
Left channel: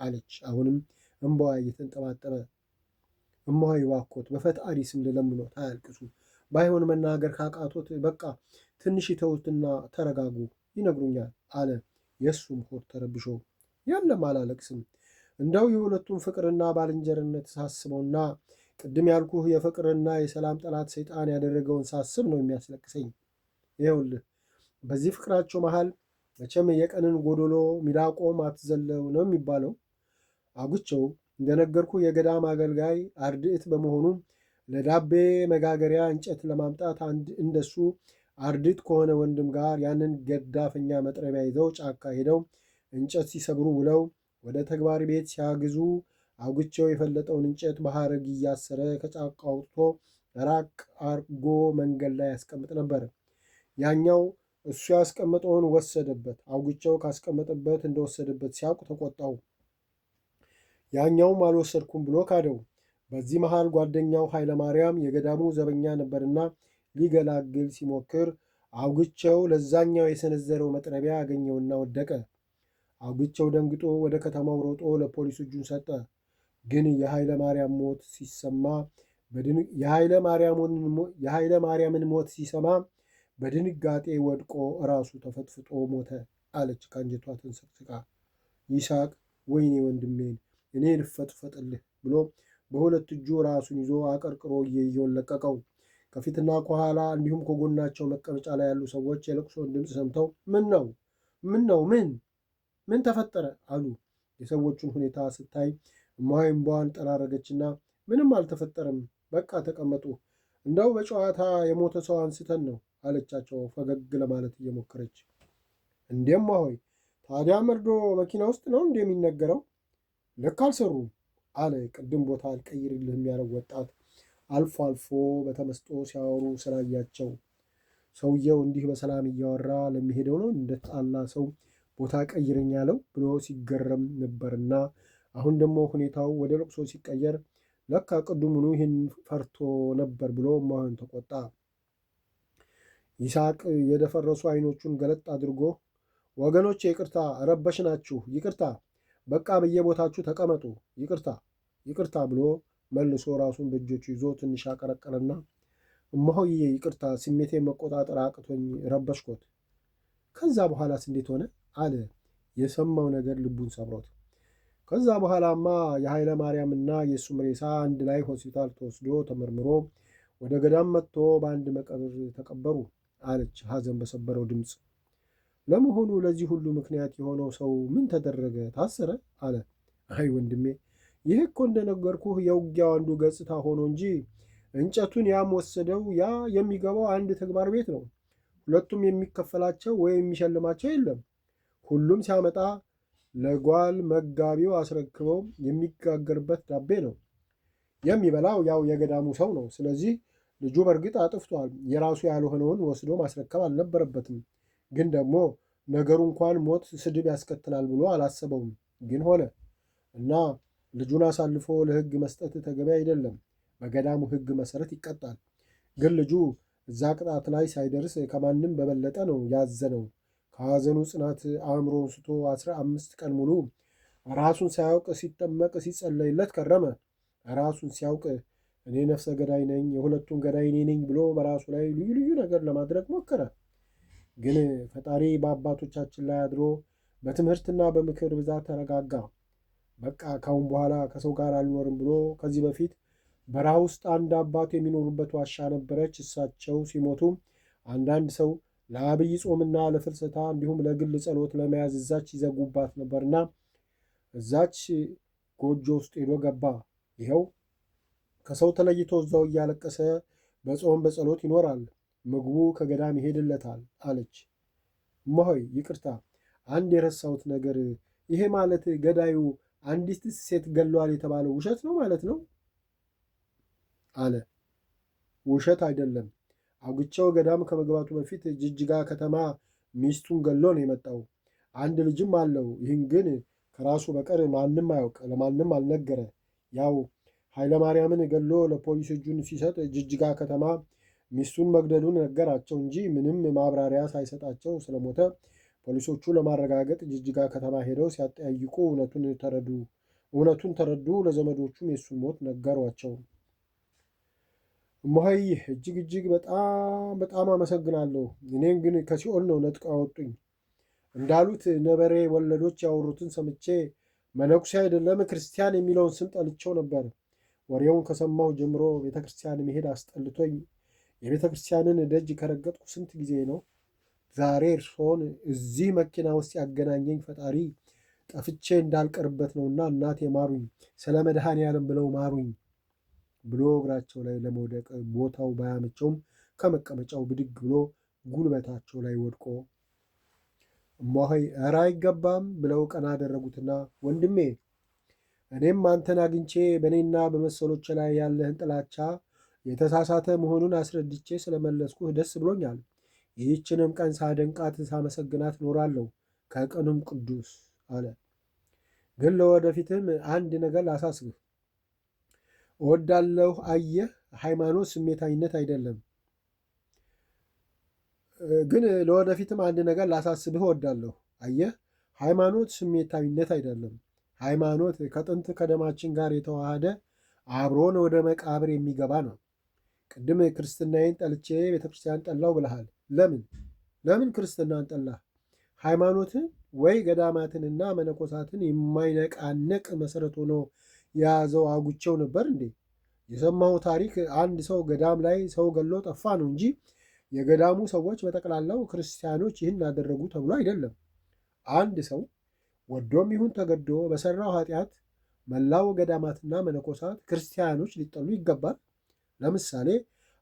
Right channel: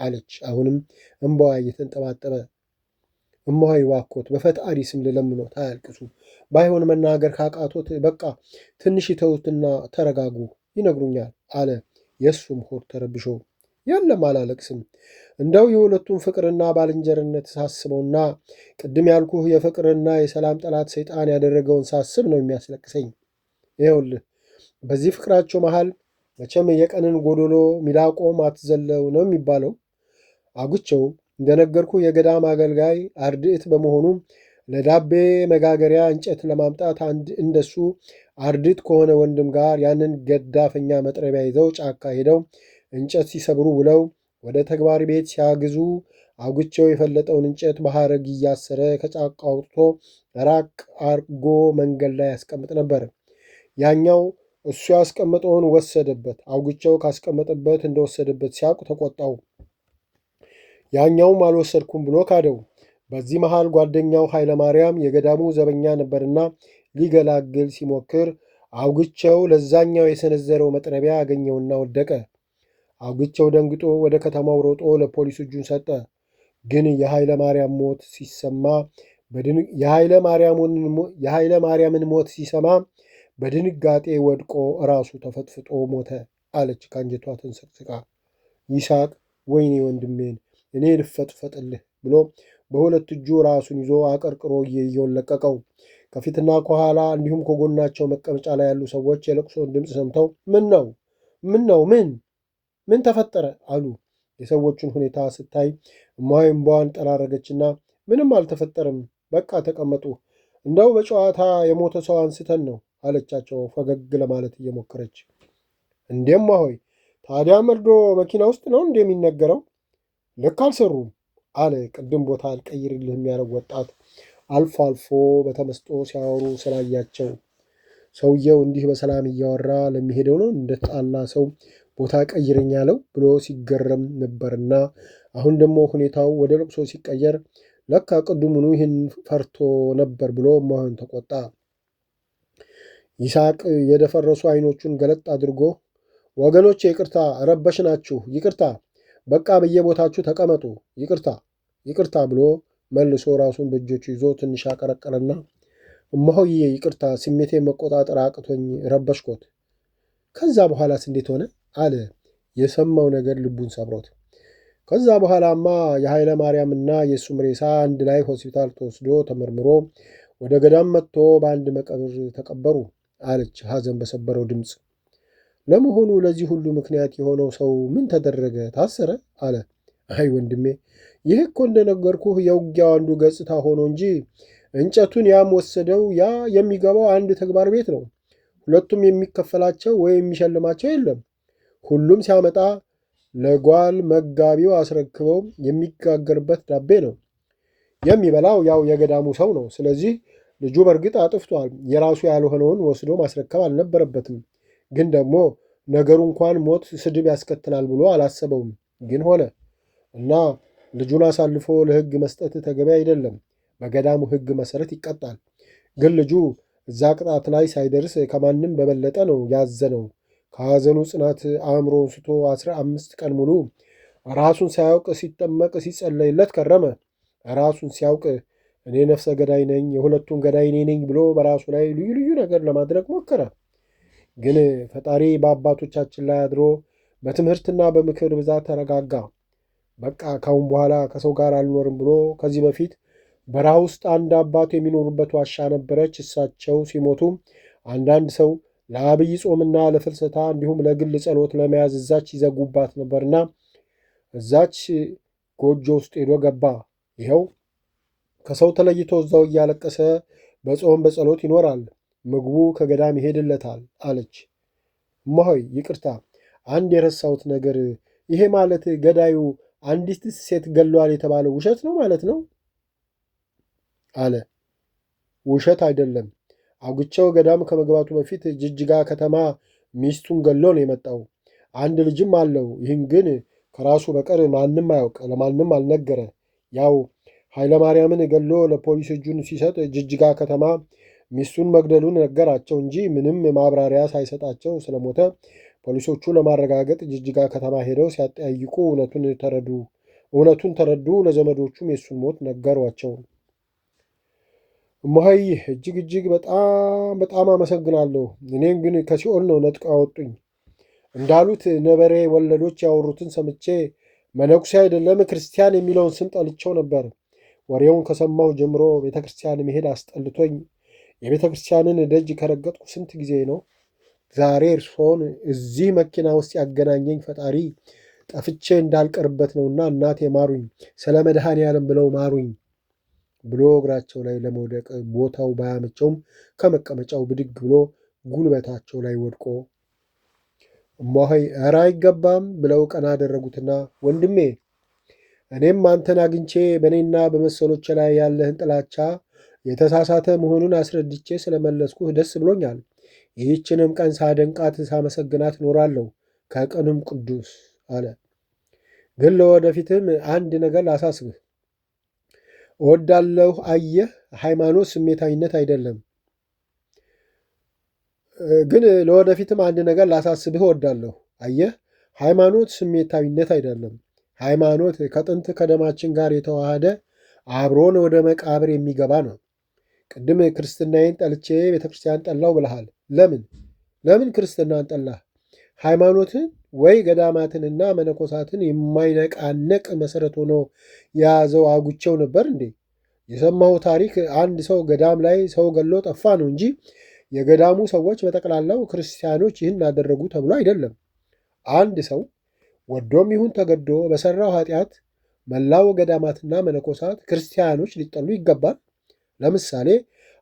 አለች። አሁንም እምባዋ እየተንጠባጠበ እማሆይ እባክዎት በፈጣሪ ስም ልለምኖት አያልቅሱ። ባይሆን መናገር ካቃቶት በቃ ትንሽ ይተውትና ተረጋጉ፣ ይነግሩኛል አለ። የእሱም ሆድ ተረብሾ የለም አላለቅስም። እንደው የሁለቱም ፍቅርና ባልንጀርነት ሳስበውና ቅድም ያልኩህ የፍቅርና የሰላም ጠላት ሰይጣን ያደረገውን ሳስብ ነው የሚያስለቅሰኝ። ይኸውልህ በዚህ ፍቅራቸው መሃል መቼም የቀንን ጎዶሎ ሚዳቆም አትዘለው ነው የሚባለው። አጉቸው እንደነገርኩ የገዳም አገልጋይ አርድእት በመሆኑ ለዳቤ መጋገሪያ እንጨት ለማምጣት አንድ እንደሱ አርድእት ከሆነ ወንድም ጋር ያንን ገዳፈኛ መጥረቢያ ይዘው ጫካ ሄደው እንጨት ሲሰብሩ ውለው ወደ ተግባር ቤት ሲያግዙ አጉቸው የፈለጠውን እንጨት በሐረግ እያሰረ ከጫካ አውጥቶ ራቅ አርጎ መንገድ ላይ ያስቀምጥ ነበር። ያኛው እሱ ያስቀመጠውን ወሰደበት። አውግቸው ካስቀመጠበት እንደወሰደበት ሲያውቅ ተቆጣው። ያኛውም አልወሰድኩም ብሎ ካደው። በዚህ መሃል ጓደኛው ኃይለ ማርያም የገዳሙ ዘበኛ ነበርና ሊገላግል ሲሞክር አውግቸው ለዛኛው የሰነዘረው መጥረቢያ አገኘውና ወደቀ። አውግቸው ደንግጦ ወደ ከተማው ሮጦ ለፖሊስ እጁን ሰጠ። ግን የኃይለ ማርያም ሞት ሲሰማ የኃይለ ማርያምን ሞት ሲሰማ በድንጋጤ ወድቆ ራሱ ተፈጥፍጦ ሞተ አለች ከአንጀቷ ተንሰቅስቃ። ይስሐቅ ወይኔ ወንድሜን እኔ ልፈጥፈጥልህ ብሎ በሁለት እጁ ራሱን ይዞ አቀርቅሮ እየየውን ለቀቀው። ከፊትና ከኋላ እንዲሁም ከጎናቸው መቀመጫ ላይ ያሉ ሰዎች የለቅሶን ድምፅ ሰምተው ምን ተፈጠረ አሉ። የሰዎቹን ሁኔታ ስታይ እማሆይ እምባዋን ጠራረገችና ምንም አልተፈጠረም፣ በቃ ተቀመጡ፣ እንደው በጨዋታ የሞተ ሰው አንስተን ነው አለቻቸው ፈገግ ለማለት እየሞከረች። እንዴም እማሆይ ታዲያ መርዶ መኪና ውስጥ ነው እንደሚነገረው? ልክ አልሰሩም አለ ቅድም ቦታ አልቀይርልህም ያለው ወጣት አልፎ አልፎ በተመስጦ ሲያወሩ ስላያቸው። ሰውየው እንዲህ በሰላም እያወራ ለሚሄደው ነው እንደተጣላ ሰው ቦታ ቀይረኝ ያለው ብሎ ሲገረም ነበርና አሁን ደግሞ ሁኔታው ወደ ለቅሶ ሲቀየር ለካ ቅድሙኑ ይህን ፈርቶ ነበር ብሎ እማሆይን ተቆጣ። ይስሐቅ የደፈረሱ አይኖቹን ገለጥ አድርጎ ወገኖች ይቅርታ፣ ረበሽናችሁ፣ ይቅርታ፣ በቃ በየቦታችሁ ተቀመጡ፣ ይቅርታ ብሎ መልሶ ራሱን በእጆቹ ይዞ ትንሽ አቀረቀረና እማሆዬ ይቅርታ፣ ስሜቴን መቆጣጠር አቅቶኝ ረበሽኮት። ከዛ በኋላስ እንዴት ሆነ አለ የሰማው ነገር ልቡን ሰብሮት። ከዛ በኋላማ የኃይለ ማርያምና የእሱም ሬሳ አንድ ላይ ሆስፒታል ተወስዶ ተመርምሮ ወደ ገዳም መጥቶ በአንድ መቃብር ተቀበሩ አለች ሐዘን በሰበረው ድምፅ። ለመሆኑ ለዚህ ሁሉ ምክንያት የሆነው ሰው ምን ተደረገ? ታሰረ? አለ። አይ ወንድሜ፣ ይህ እኮ እንደነገርኩህ የውጊያው አንዱ ገጽታ ሆኖ እንጂ እንጨቱን ያም ወሰደው ያ የሚገባው አንድ ተግባር ቤት ነው። ሁለቱም የሚከፈላቸው ወይም የሚሸልማቸው የለም። ሁሉም ሲያመጣ ለጓል መጋቢው አስረክበው የሚጋገርበት ዳቤ ነው። የሚበላው ያው የገዳሙ ሰው ነው። ስለዚህ ልጁ በእርግጥ አጥፍቷል። የራሱ ያልሆነውን ወስዶ ማስረከብ አልነበረበትም። ግን ደግሞ ነገሩ እንኳን ሞት ስድብ ያስከትላል ብሎ አላሰበውም። ግን ሆነ እና ልጁን አሳልፎ ለሕግ መስጠት ተገቢ አይደለም። በገዳሙ ሕግ መሰረት ይቀጣል። ግን ልጁ እዛ ቅጣት ላይ ሳይደርስ ከማንም በበለጠ ነው ያዘነው። ከሐዘኑ ጽናት አእምሮን ስቶ 15 ቀን ሙሉ ራሱን ሳያውቅ ሲጠመቅ ሲጸለይለት ከረመ። ራሱን ሲያውቅ እኔ ነፍሰ ገዳይ ነኝ፣ የሁለቱም ገዳይ እኔ ነኝ ብሎ በራሱ ላይ ልዩ ልዩ ነገር ለማድረግ ሞከረ። ግን ፈጣሪ በአባቶቻችን ላይ አድሮ በትምህርትና በምክር ብዛት ተረጋጋ። በቃ ካሁን በኋላ ከሰው ጋር አልኖርም ብሎ ከዚህ በፊት በረሃ ውስጥ አንድ አባቱ የሚኖሩበት ዋሻ ነበረች። እሳቸው ሲሞቱ አንዳንድ ሰው ለአብይ ጾምና ለፍልሰታ እንዲሁም ለግል ጸሎት ለመያዝ እዛች ይዘጉባት ነበርና እዛች ጎጆ ውስጥ ሄዶ ገባ። ይኸው ከሰው ተለይቶ እዛው እያለቀሰ በጾም በጸሎት ይኖራል። ምግቡ ከገዳም ይሄድለታል አለች። እማሆይ ይቅርታ፣ አንድ የረሳሁት ነገር፣ ይሄ ማለት ገዳዩ አንዲት ሴት ገሏል የተባለው ውሸት ነው ማለት ነው አለ። ውሸት አይደለም። አውግቸው ገዳም ከመግባቱ በፊት ጅጅጋ ከተማ ሚስቱን ገሎ ነው የመጣው። አንድ ልጅም አለው። ይህን ግን ከራሱ በቀር ማንም አያውቅ፣ ለማንም አልነገረ። ያው ኃይለማርያምን ገሎ ለፖሊስ እጁን ሲሰጥ ጅጅጋ ከተማ ሚስቱን መግደሉን ነገራቸው እንጂ ምንም ማብራሪያ ሳይሰጣቸው ስለሞተ ፖሊሶቹ ለማረጋገጥ ጅጅጋ ከተማ ሄደው ሲያጠያይቁ እውነቱን ተረዱ። ለዘመዶቹም የሱን ሞት ነገሯቸው። እማሆይ እጅግ በጣም በጣም አመሰግናለሁ። እኔን ግን ከሲኦል ነው ነጥቀው ያወጡኝ። እንዳሉት ነበሬ ወለዶች ያወሩትን ሰምቼ መነኩሴ አይደለም ክርስቲያን የሚለውን ስም ጠልቼው ነበር። ወሬውን ከሰማሁ ጀምሮ ቤተ ክርስቲያን መሄድ አስጠልቶኝ የቤተ ክርስቲያንን ደጅ ከረገጥኩ ስንት ጊዜ ነው። ዛሬ እርስዎን እዚህ መኪና ውስጥ ያገናኘኝ ፈጣሪ ጠፍቼ እንዳልቀርበት ነውና እናቴ ማሩኝ፣ ስለ መድኃኔዓለም ብለው ማሩኝ ብሎ እግራቸው ላይ ለመውደቅ ቦታው ባያመቸውም ከመቀመጫው ብድግ ብሎ ጉልበታቸው ላይ ወድቆ እማሆይ ኧረ አይገባም ብለው ቀና አደረጉትና ወንድሜ እኔም አንተን አግኝቼ በእኔና በመሰሎች ላይ ያለህን ጥላቻ የተሳሳተ መሆኑን አስረድቼ ስለመለስኩህ ደስ ብሎኛል። ይህችንም ቀን ሳደንቃት ሳመሰግናት እኖራለሁ ከቀኑም ቅዱስ አለ። ግን ለወደፊትም አንድ ነገር ላሳስብህ እወዳለሁ። አየህ፣ ሃይማኖት ስሜታዊነት አይደለም። ግን ለወደፊትም አንድ ነገር ላሳስብህ እወዳለሁ። አየህ፣ ሃይማኖት ስሜታዊነት አይደለም። ሃይማኖት ከጥንት ከደማችን ጋር የተዋሃደ አብሮን ወደ መቃብር የሚገባ ነው። ቅድም ክርስትናዬን ጠልቼ ቤተክርስቲያን ጠላው ብለሃል። ለምን ክርስትናን ጠላህ? ሃይማኖትን ወይ ገዳማትንና መነኮሳትን የማይነቃነቅ መሰረት ሆኖ የያዘው አጉቸው ነበር እንዴ? የሰማው ታሪክ አንድ ሰው ገዳም ላይ ሰው ገሎ ጠፋ ነው እንጂ የገዳሙ ሰዎች በጠቅላላው ክርስቲያኖች ይህን አደረጉ ተብሎ አይደለም። አንድ ሰው ወዶም ይሁን ተገዶ በሰራው ኃጢአት መላው ገዳማትና መነኮሳት ክርስቲያኖች ሊጠሉ ይገባል። ለምሳሌ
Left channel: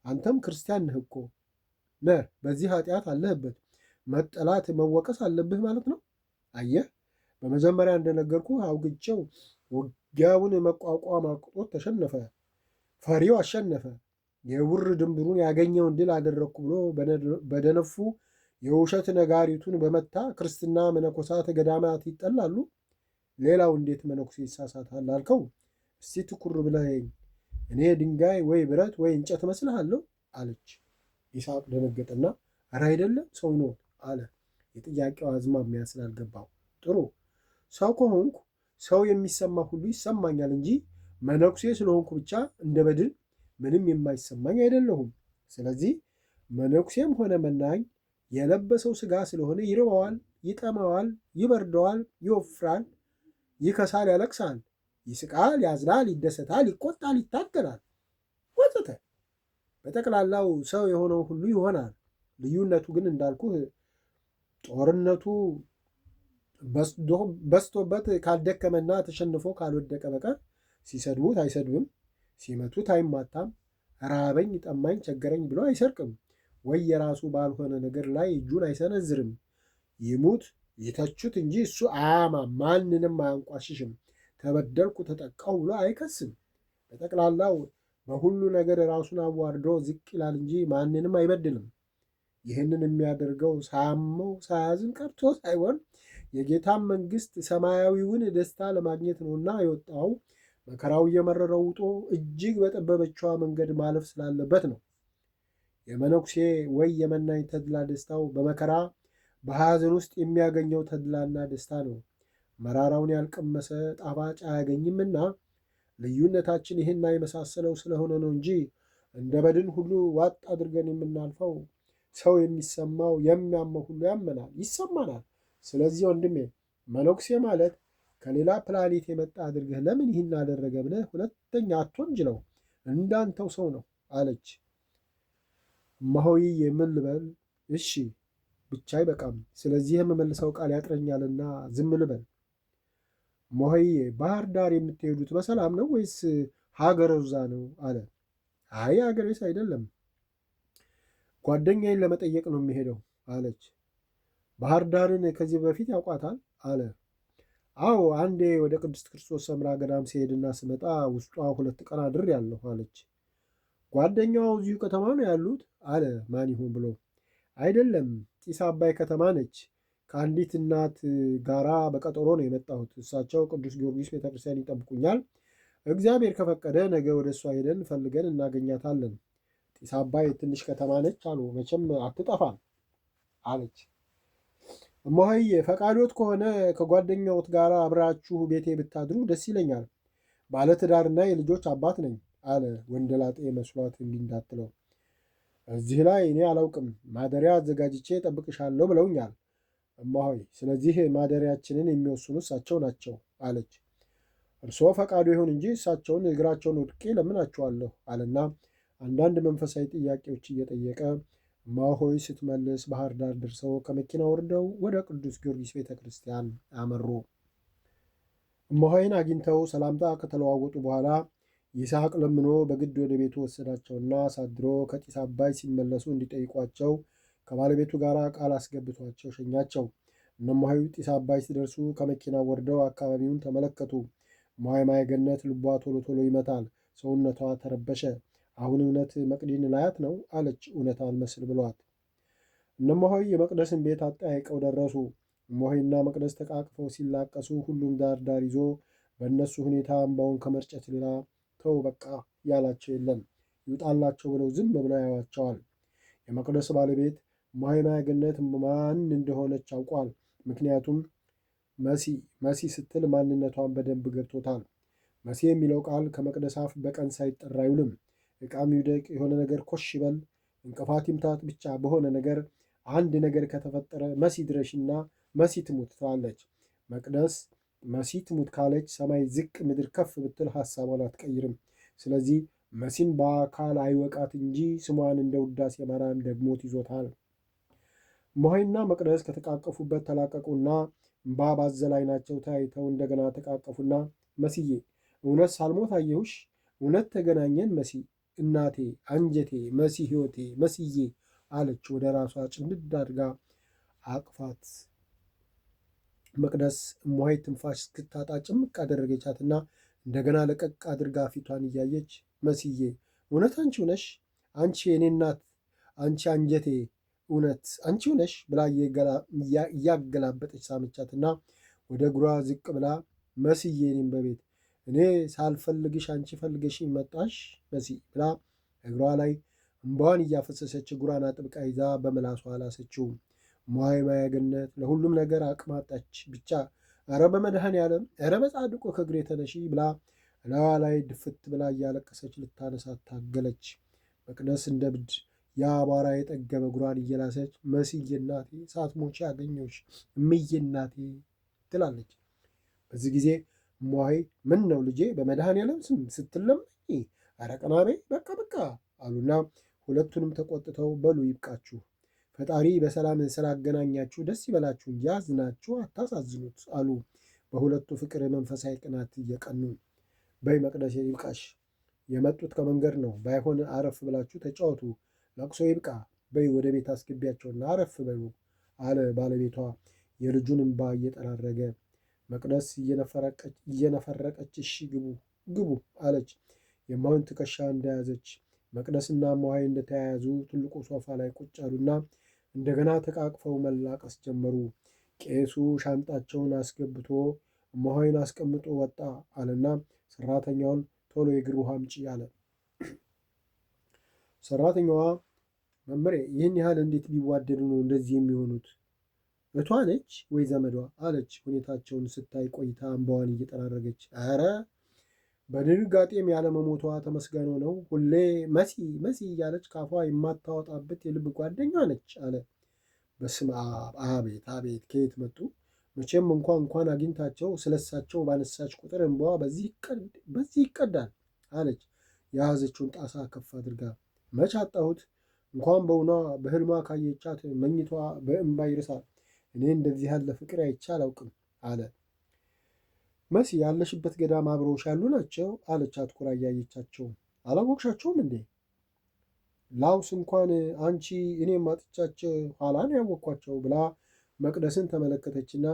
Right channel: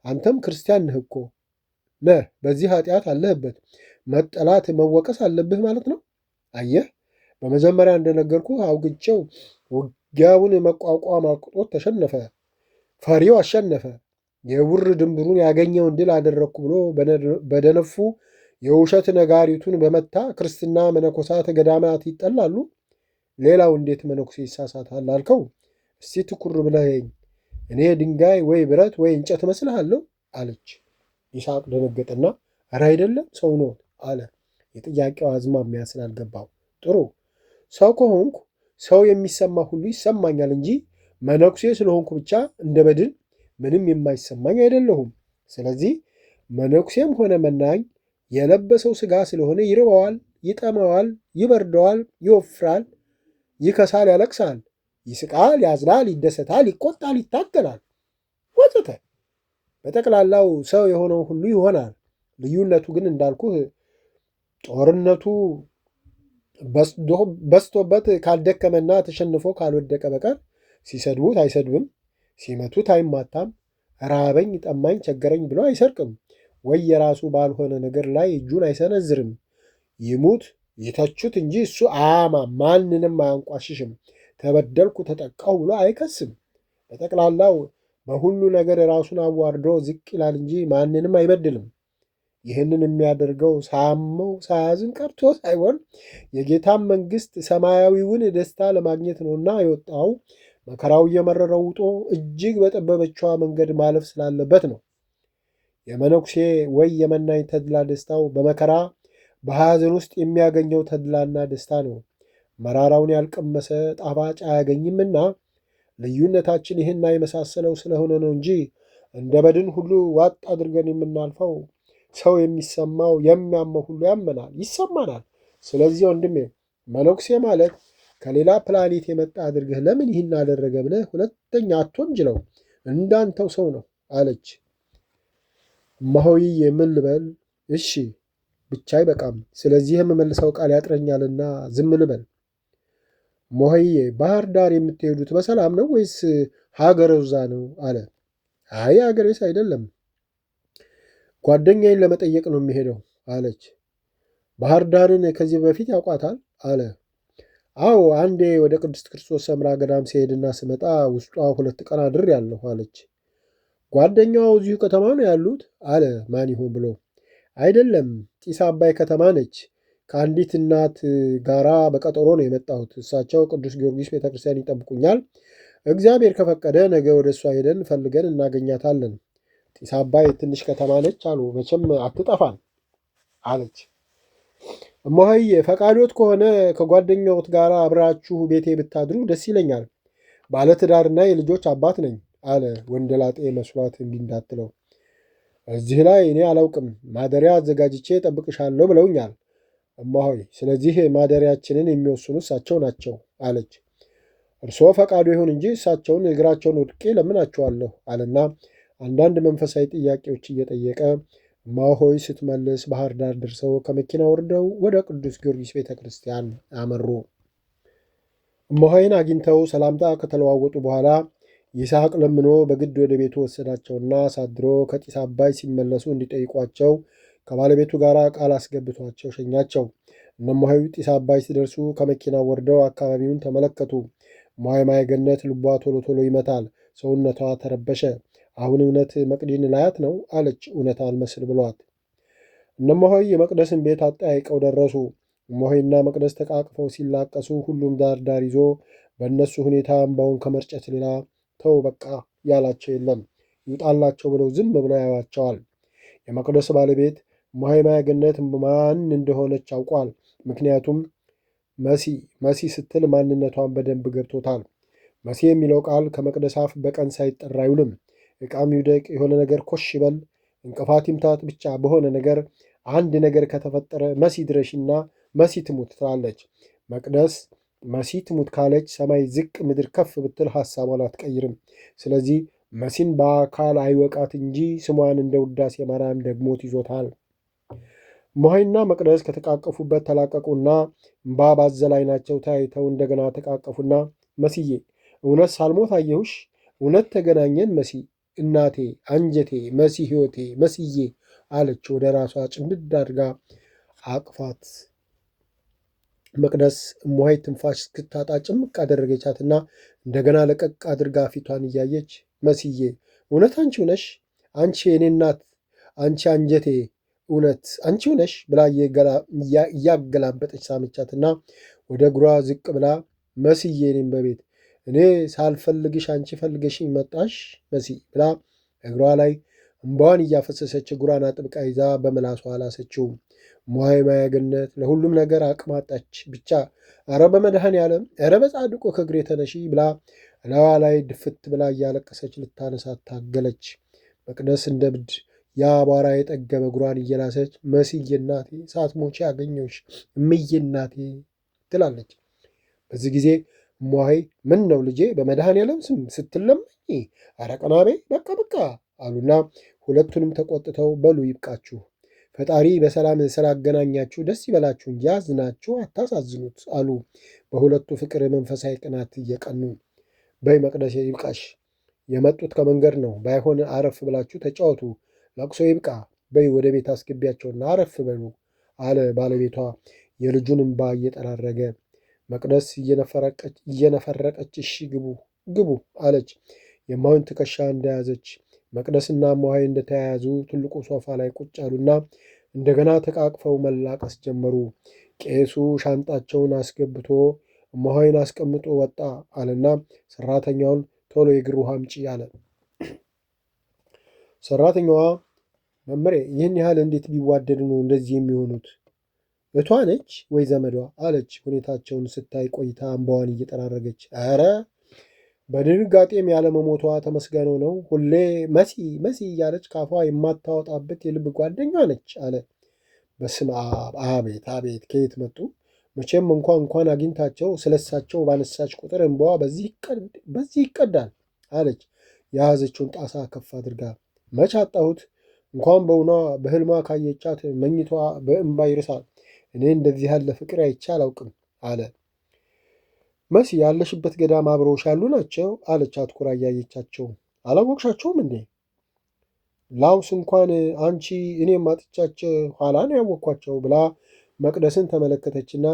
አንተም ክርስቲያን ነህ እኮ ነህ። በዚህ ኃጢአት አለህበት። መጠላት መወቀስ አለብህ ማለት ነው። አየህ፣ በመጀመሪያ እንደነገርኩ አውግቸው ውጊያውን መቋቋም አቅቶት ተሸነፈ። ፈሪው አሸነፈ። የውር ድንብሩን ያገኘውን ድል አደረግኩ ብሎ በደነፉ የውሸት ነጋሪቱን በመታ ክርስትና መነኮሳት ገዳማት ይጠላሉ። ሌላው እንዴት መነኩሴ ይሳሳታል አልከው? እስቲ ትኩር ብለኸኝ እኔ ድንጋይ ወይ ብረት ወይ እንጨት መስልሃለሁ አለች። ይስሐቅ ደነገጠና ኧረ አይደለም ሰው ነው አለ። የጥያቄው አዝማሚያ ስላልገባው ጥሩ ሰው ከሆንኩ ሰው የሚሰማ ሁሉ ይሰማኛል እንጂ መነኩሴ ስለሆንኩ ብቻ እንደ በድን ምንም የማይሰማኝ አይደለሁም። ስለዚህ መነኩሴም ሆነ መናኝ የለበሰው ሥጋ ስለሆነ ይርበዋል፣ ይጠማዋል፣ ይበርደዋል፣ ይወፍራል፣ ይከሳል፣ ያለቅሳል፣ ይስቃል፣ ያዝናል፣ ይደሰታል፣ ይቆጣል፣ ይታገላል ወዘተ። በጠቅላላው ሰው የሆነው ሁሉ ይሆናል። ልዩነቱ ግን እንዳልኩህ ጦርነቱ በስቶበት ካልደከመና ተሸንፎ ካልወደቀ በቀር ሲሰድቡት አይሰድብም፣ ሲመቱት አይማታም፣ ራበኝ፣ ጠማኝ፣ ቸገረኝ ብሎ አይሰርቅም፣ ወይ የራሱ ባልሆነ ነገር ላይ እጁን አይሰነዝርም። ይሙት ይተቹት እንጂ እሱ አያማም፣ ማንንም አያንቋሽሽም፣ ተበደልኩ ተጠቃሁ ብሎ አይከስም። በጠቅላላው በሁሉ ነገር ራሱን አዋርዶ ዝቅ ይላል እንጂ ማንንም አይበድልም። ይህንን የሚያደርገው ሳያመው ሳያዝን ቀርቶ ሳይሆን የጌታን መንግሥት ሰማያዊውን ደስታ ለማግኘት ነውና የወጣው መከራው እየመረረው ውጦ እጅግ በጠበበችዋ መንገድ ማለፍ ስላለበት ነው። የመነኩሴ ወይ የመናኝ ተድላ ደስታው በመከራ በሐዘን ውስጥ የሚያገኘው ተድላና ደስታ ነው። መራራውን ያልቀመሰ ጣፋጭ አያገኝምና ልዩነታችን ይህና የመሳሰለው ስለሆነ ነው እንጂ እንደ በድን ሁሉ ዋጥ አድርገን የምናልፈው ሰው የሚሰማው የሚያመው ሁሉ ያመናል፣ ይሰማናል። ስለዚህ ወንድሜ መነኩሴ ማለት ከሌላ ፕላኔት የመጣ አድርገህ ለምን ይህን አደረገ ብለህ ሁለተኛ አትወንጅለው፣ እንዳንተው ሰው ነው አለች። እማሆይ የምን ልበል? እሺ ብቻ አይበቃም። ስለዚህ የምመልሰው ቃል ያጥረኛልና ዝም ልበል። እማሆይ ባህር ዳር የምትሄዱት በሰላም ነው ወይስ ሀገረ ውዛ ነው አለ። አይ ሀገሬስ አይደለም፣ ጓደኛዬን ለመጠየቅ ነው የሚሄደው አለች። ባህር ዳርን ከዚህ በፊት ያውቋታል አለ። አዎ አንዴ ወደ ቅድስት ክርስቶስ ሰምራ ገዳም ሲሄድና ስመጣ ውስጧ 2 ቀን አድሬአለሁ አለች። ጓደኛዋ እዚሁ ከተማ ነው ያሉት አለ ማን ይሆን ብሎ። አይደለም ጢስ አባይ ከተማ ነች። ከአንዲት እናት ጋራ በቀጠሮ ነው የመጣሁት። እሳቸው ቅዱስ ጊዮርጊስ ቤተክርስቲያን ይጠብቁኛል። እግዚአብሔር ከፈቀደ ነገ ወደ እሷ ሄደን ፈልገን እናገኛታለን። ጢስ አባይ ትንሽ ከተማ ነች አሉ። መቼም አትጠፋን አለች። እማሆይ ፈቃዶት ከሆነ ከጓደኛዎት ጋር አብራችሁ ቤቴ ብታድሩ ደስ ይለኛል። ባለትዳርና የልጆች አባት ነኝ አለ ወንደላጤ መስሏት እምቢ እንዳትለው። እዚህ ላይ እኔ አላውቅም፣ ማደሪያ አዘጋጅቼ ጠብቅሻለሁ ብለውኛል እማሆይ። ስለዚህ ማደሪያችንን የሚወስኑ እሳቸው ናቸው አለች። እርስዎ ፈቃዱ ይሁን እንጂ እሳቸውን እግራቸውን ወድቄ ለምናቸዋለሁ አለና አንዳንድ መንፈሳዊ ጥያቄዎች እየጠየቀ እማሆይ ስትመልስ ባህር ዳር ደርሰው ከመኪና ወርደው ወደ ቅዱስ ጊዮርጊስ ቤተ ክርስቲያን አመሩ። እማሆይን አግኝተው ሰላምታ ከተለዋወጡ በኋላ ይስሐቅ ለምኖ በግድ ወደ ቤቱ ወሰዳቸውና አሳድሮ ከጢስ አባይ ሲመለሱ እንዲጠይቋቸው ከባለቤቱ ጋር ቃል አስገብቷቸው ሸኛቸው። እነ እማሆይ ጢስ አባይ ሲደርሱ ከመኪና ወርደው አካባቢውን ተመለከቱ። እማሆይ ማየገነት ልቧ ቶሎ ቶሎ ይመታል፣ ሰውነቷ ተረበሸ። አሁን እውነት መቅዲን ላያት ነው አለች፣ እውነት አልመስል ብሏት። እነ እማሆይ የመቅደስን ቤት አጠያይቀው ደረሱ። እማሆይና መቅደስ ተቃቅፈው ሲላቀሱ ሁሉም ዳር ዳር ይዞ በእነሱ ሁኔታ እምባውን ከመርጨት ሌላ ተው በቃ ያላቸው የለም። ይውጣላቸው ብለው ዝም ብለው ያዋቸዋል። የመቅደስ ባለቤት እማሆይ ማየገነት ማን እንደሆነች አውቋል። ምክንያቱም መሲ ስትል ማንነቷን በደንብ ገብቶታል። መሲ የሚለው ቃል ከመቅደስ አፍ በቀን ሳይጠራ አይውልም። ዕቃም ይውደቅ፣ የሆነ ነገር ኮሽ ይበል፣ እንቅፋት ይምታት፣ ብቻ በሆነ ነገር አንድ ነገር ከተፈጠረ መሲ ድረሽና መሲ ትሙት ትላለች። መቅደስ መሲ ትሙት ካለች ሰማይ ዝቅ ምድር ከፍ ብትል ሐሳቧን አትቀይርም። ስለዚህ መሲን በአካል አይወቃት እንጂ ስሟን እንደ ውዳሴ ማርያም ደግሞት ይዞታል። እማሆይና መቅደስ ከተቃቀፉበት ተላቀቁና እምባ ባዘለ ዓይናቸው ተያይተው እንደገና ተቃቀፉና መስዬ እውነት ሳልሞት አየሁሽ፣ እውነት ተገናኘን መሲ፣ እናቴ፣ አንጀቴ፣ መሲ ሕይወቴ፣ መስዬ አለች ወደ ራሷ ጭምድድ አድርጋ አቅፋት። መቅደስ እማሆይ ትንፋሽ እስክታጣ ጭምቅ አደረገቻትና እንደገና ለቀቅ አድርጋ ፊቷን እያየች መስዬ እውነት አንቺው ነሽ? አንቺ የኔ እናት፣ አንቺ አንጀቴ፣ እውነት አንቺው ነሽ ብላ እያገላበጠች ሳመቻትና ወደ እግሯ ዝቅ ብላ መስዬ እኔም በቤት እኔ ሳልፈልግሽ አንቺ ፈልገሽኝ መጣሽ መሲ ብላ እግሯ ላይ እምባዋን እያፈሰሰች እግሯን አጥብቃ ይዛ በምላሷ አላሰችው። እማሆይ ማየገነት ለሁሉም ነገር አቅማጣች። ብቻ ኧረ በመድኃኔዓለም ኧረ በጻድቁ ከእግሬ ተነሺ ብላ እላዋ ላይ ድፍት ብላ እያለቀሰች ልታነሳት ታገለች። መቅደስ እንደ ብድ ያ አቧራ የጠገበ እግሯን እየላሰች መስዬ እናቴ ሳትሞቺ አገኘሁሽ እምዬ እናቴ ትላለች። በዚህ ጊዜ እማሆይ ምን ነው ልጄ በመድኃኔዓለም ስም ስትለመኝ ኧረ ቀናቤ በቃ በቃ አሉና ሁለቱንም ተቆጥተው በሉ ይብቃችሁ፣ ፈጣሪ በሰላም ስላገናኛችሁ ደስ ይበላችሁ እንጂ ያዝናችሁ አታሳዝኑት አሉ በሁለቱ ፍቅር መንፈሳዊ ቅናት እየቀኑ። በይ መቅደስ ይብቃሽ፣ የመጡት ከመንገድ ነው፣ ባይሆን አረፍ ብላችሁ ተጫወቱ፣ ለቅሶ ይብቃ፣ በይ ወደ ቤት አስገቢያቸውና አረፍ በሉ አለ ባለቤቷ የልጁን እምባ እየጠራረገ። መቅደስ እየነፈረቀች እሺ ግቡ ግቡ አለች። የእማሆይን ትከሻ እንደያዘች መቅደስና እማሆይ እንደተያያዙ ትልቁ ሶፋ ላይ ቁጭ አሉና እንደገና ተቃቅፈው መላቀስ ጀመሩ። ቄሱ ሻንጣቸውን አስገብቶ እማሆይን አስቀምጦ ወጣ አለና ሰራተኛውን ቶሎ የእግር ውሃ አምጪ አለ። ሰራተኛዋ መምሬ ይህን ያህል እንዴት ቢዋደዱ ነው እንደዚህ የሚሆኑት? እቷ ነች ወይ ዘመዷ አለች ሁኔታቸውን ስታይ ቆይታ እንባዋን እየጠራረገች። ኧረ በድንጋጤም ያለመሞቷ ተመስገነው ነው። ሁሌ መሲ መሲ እያለች ካፏ የማታወጣበት የልብ ጓደኛ ነች አለ። በስመ አብ! አቤት አቤት! ከየት መጡ? መቼም እንኳን አግኝታቸው ስለሳቸው ባነሳች ቁጥር እንባዋ በዚህ ይቀዳል አለች የያዘችውን ጣሳ ከፍ አድርጋ። መች አጣሁት? እንኳን በውኗ በህልሟ ካየቻት መኝቷ በእንባ ይርሳል። እኔ እንደዚህ ያለ ፍቅር አይቼ አላውቅም አለ። መሲ ያለሽበት ገዳም አብረውሽ ያሉ ናቸው አለች አትኩራ እያየቻቸው። አላወቅሻቸውም እንዴ? ላውስ እንኳን አንቺ እኔም አጥቻቸው ኋላ ነው ያወቅኳቸው ብላ መቅደስን ተመለከተችና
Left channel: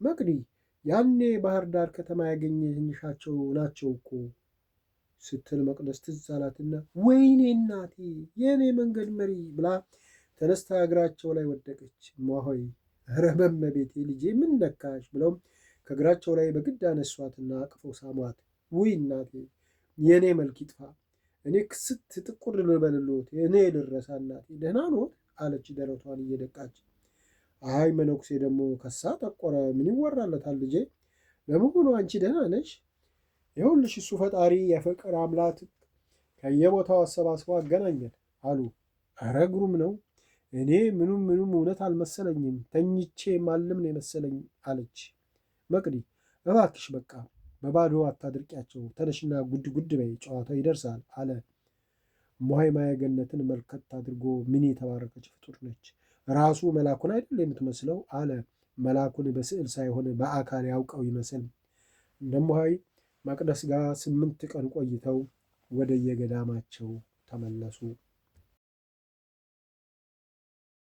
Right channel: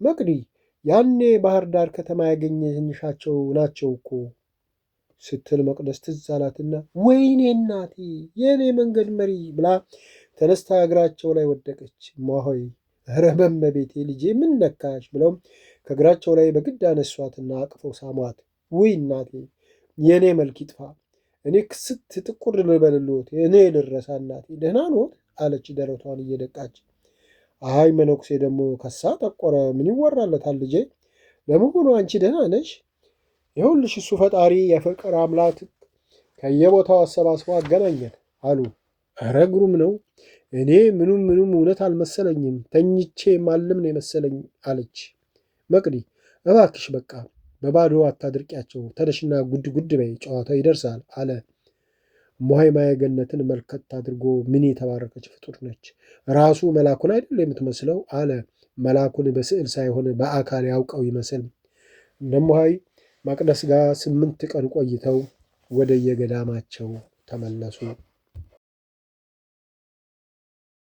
መቅዲ ያኔ ባህር ዳር ከተማ ያገኘንሻቸው ናቸው እኮ ስትል መቅደስ ትዝ አላትና ወይኔ እናቴ የእኔ መንገድ መሪ ብላ ተነስታ እግራቸው ላይ ወደቀች። እማሆይ ኧረ በመቤቴ ልጄ ምን ነካሽ ብለው ከእግራቸው ላይ በግድ አነሷትና አቅፈው ሳሟት። ውይ እናቴ የእኔ መልክ ይጥፋ፣ እኔ ክስት ጥቁር ልበልሎት፣ እኔ ልረሳ እናቴ ደህና ኖት አለች ደረቷን እየደቃች። አይ መነኩሴ ደግሞ ከሳ ጠቆረ። ምን ይወራለታል ልጄ? ለመሆኑ አንቺ ደህና ነሽ? ይኸውልሽ እሱ ፈጣሪ የፍቅር አምላክ ከየቦታው አሰባስቦ አገናኘን አሉ። ኧረ ግሩም ነው። እኔ ምኑም እውነት አልመሰለኝም። ተኝቼ ማልም ነው የመሰለኝ አለች መቅዲ። እባክሽ በቃ በባዶ አታድርቂያቸው። ተነሽና ጉድ ጉድ በይ፣ ጨዋታው ይደርሳል አለ። እማሆይ ማየገነትን መልከት አድርጎ ምን የተባረከች ፍጡር ነች! ራሱ መላኩን አይደል የምትመስለው አለ። መላኩን በስዕል ሳይሆን በአካል ያውቀው ይመስል። እነማሆይ መቅደስ ጋር 8 ቀን ቆይተው ወደ የገዳማቸው ተመለሱ።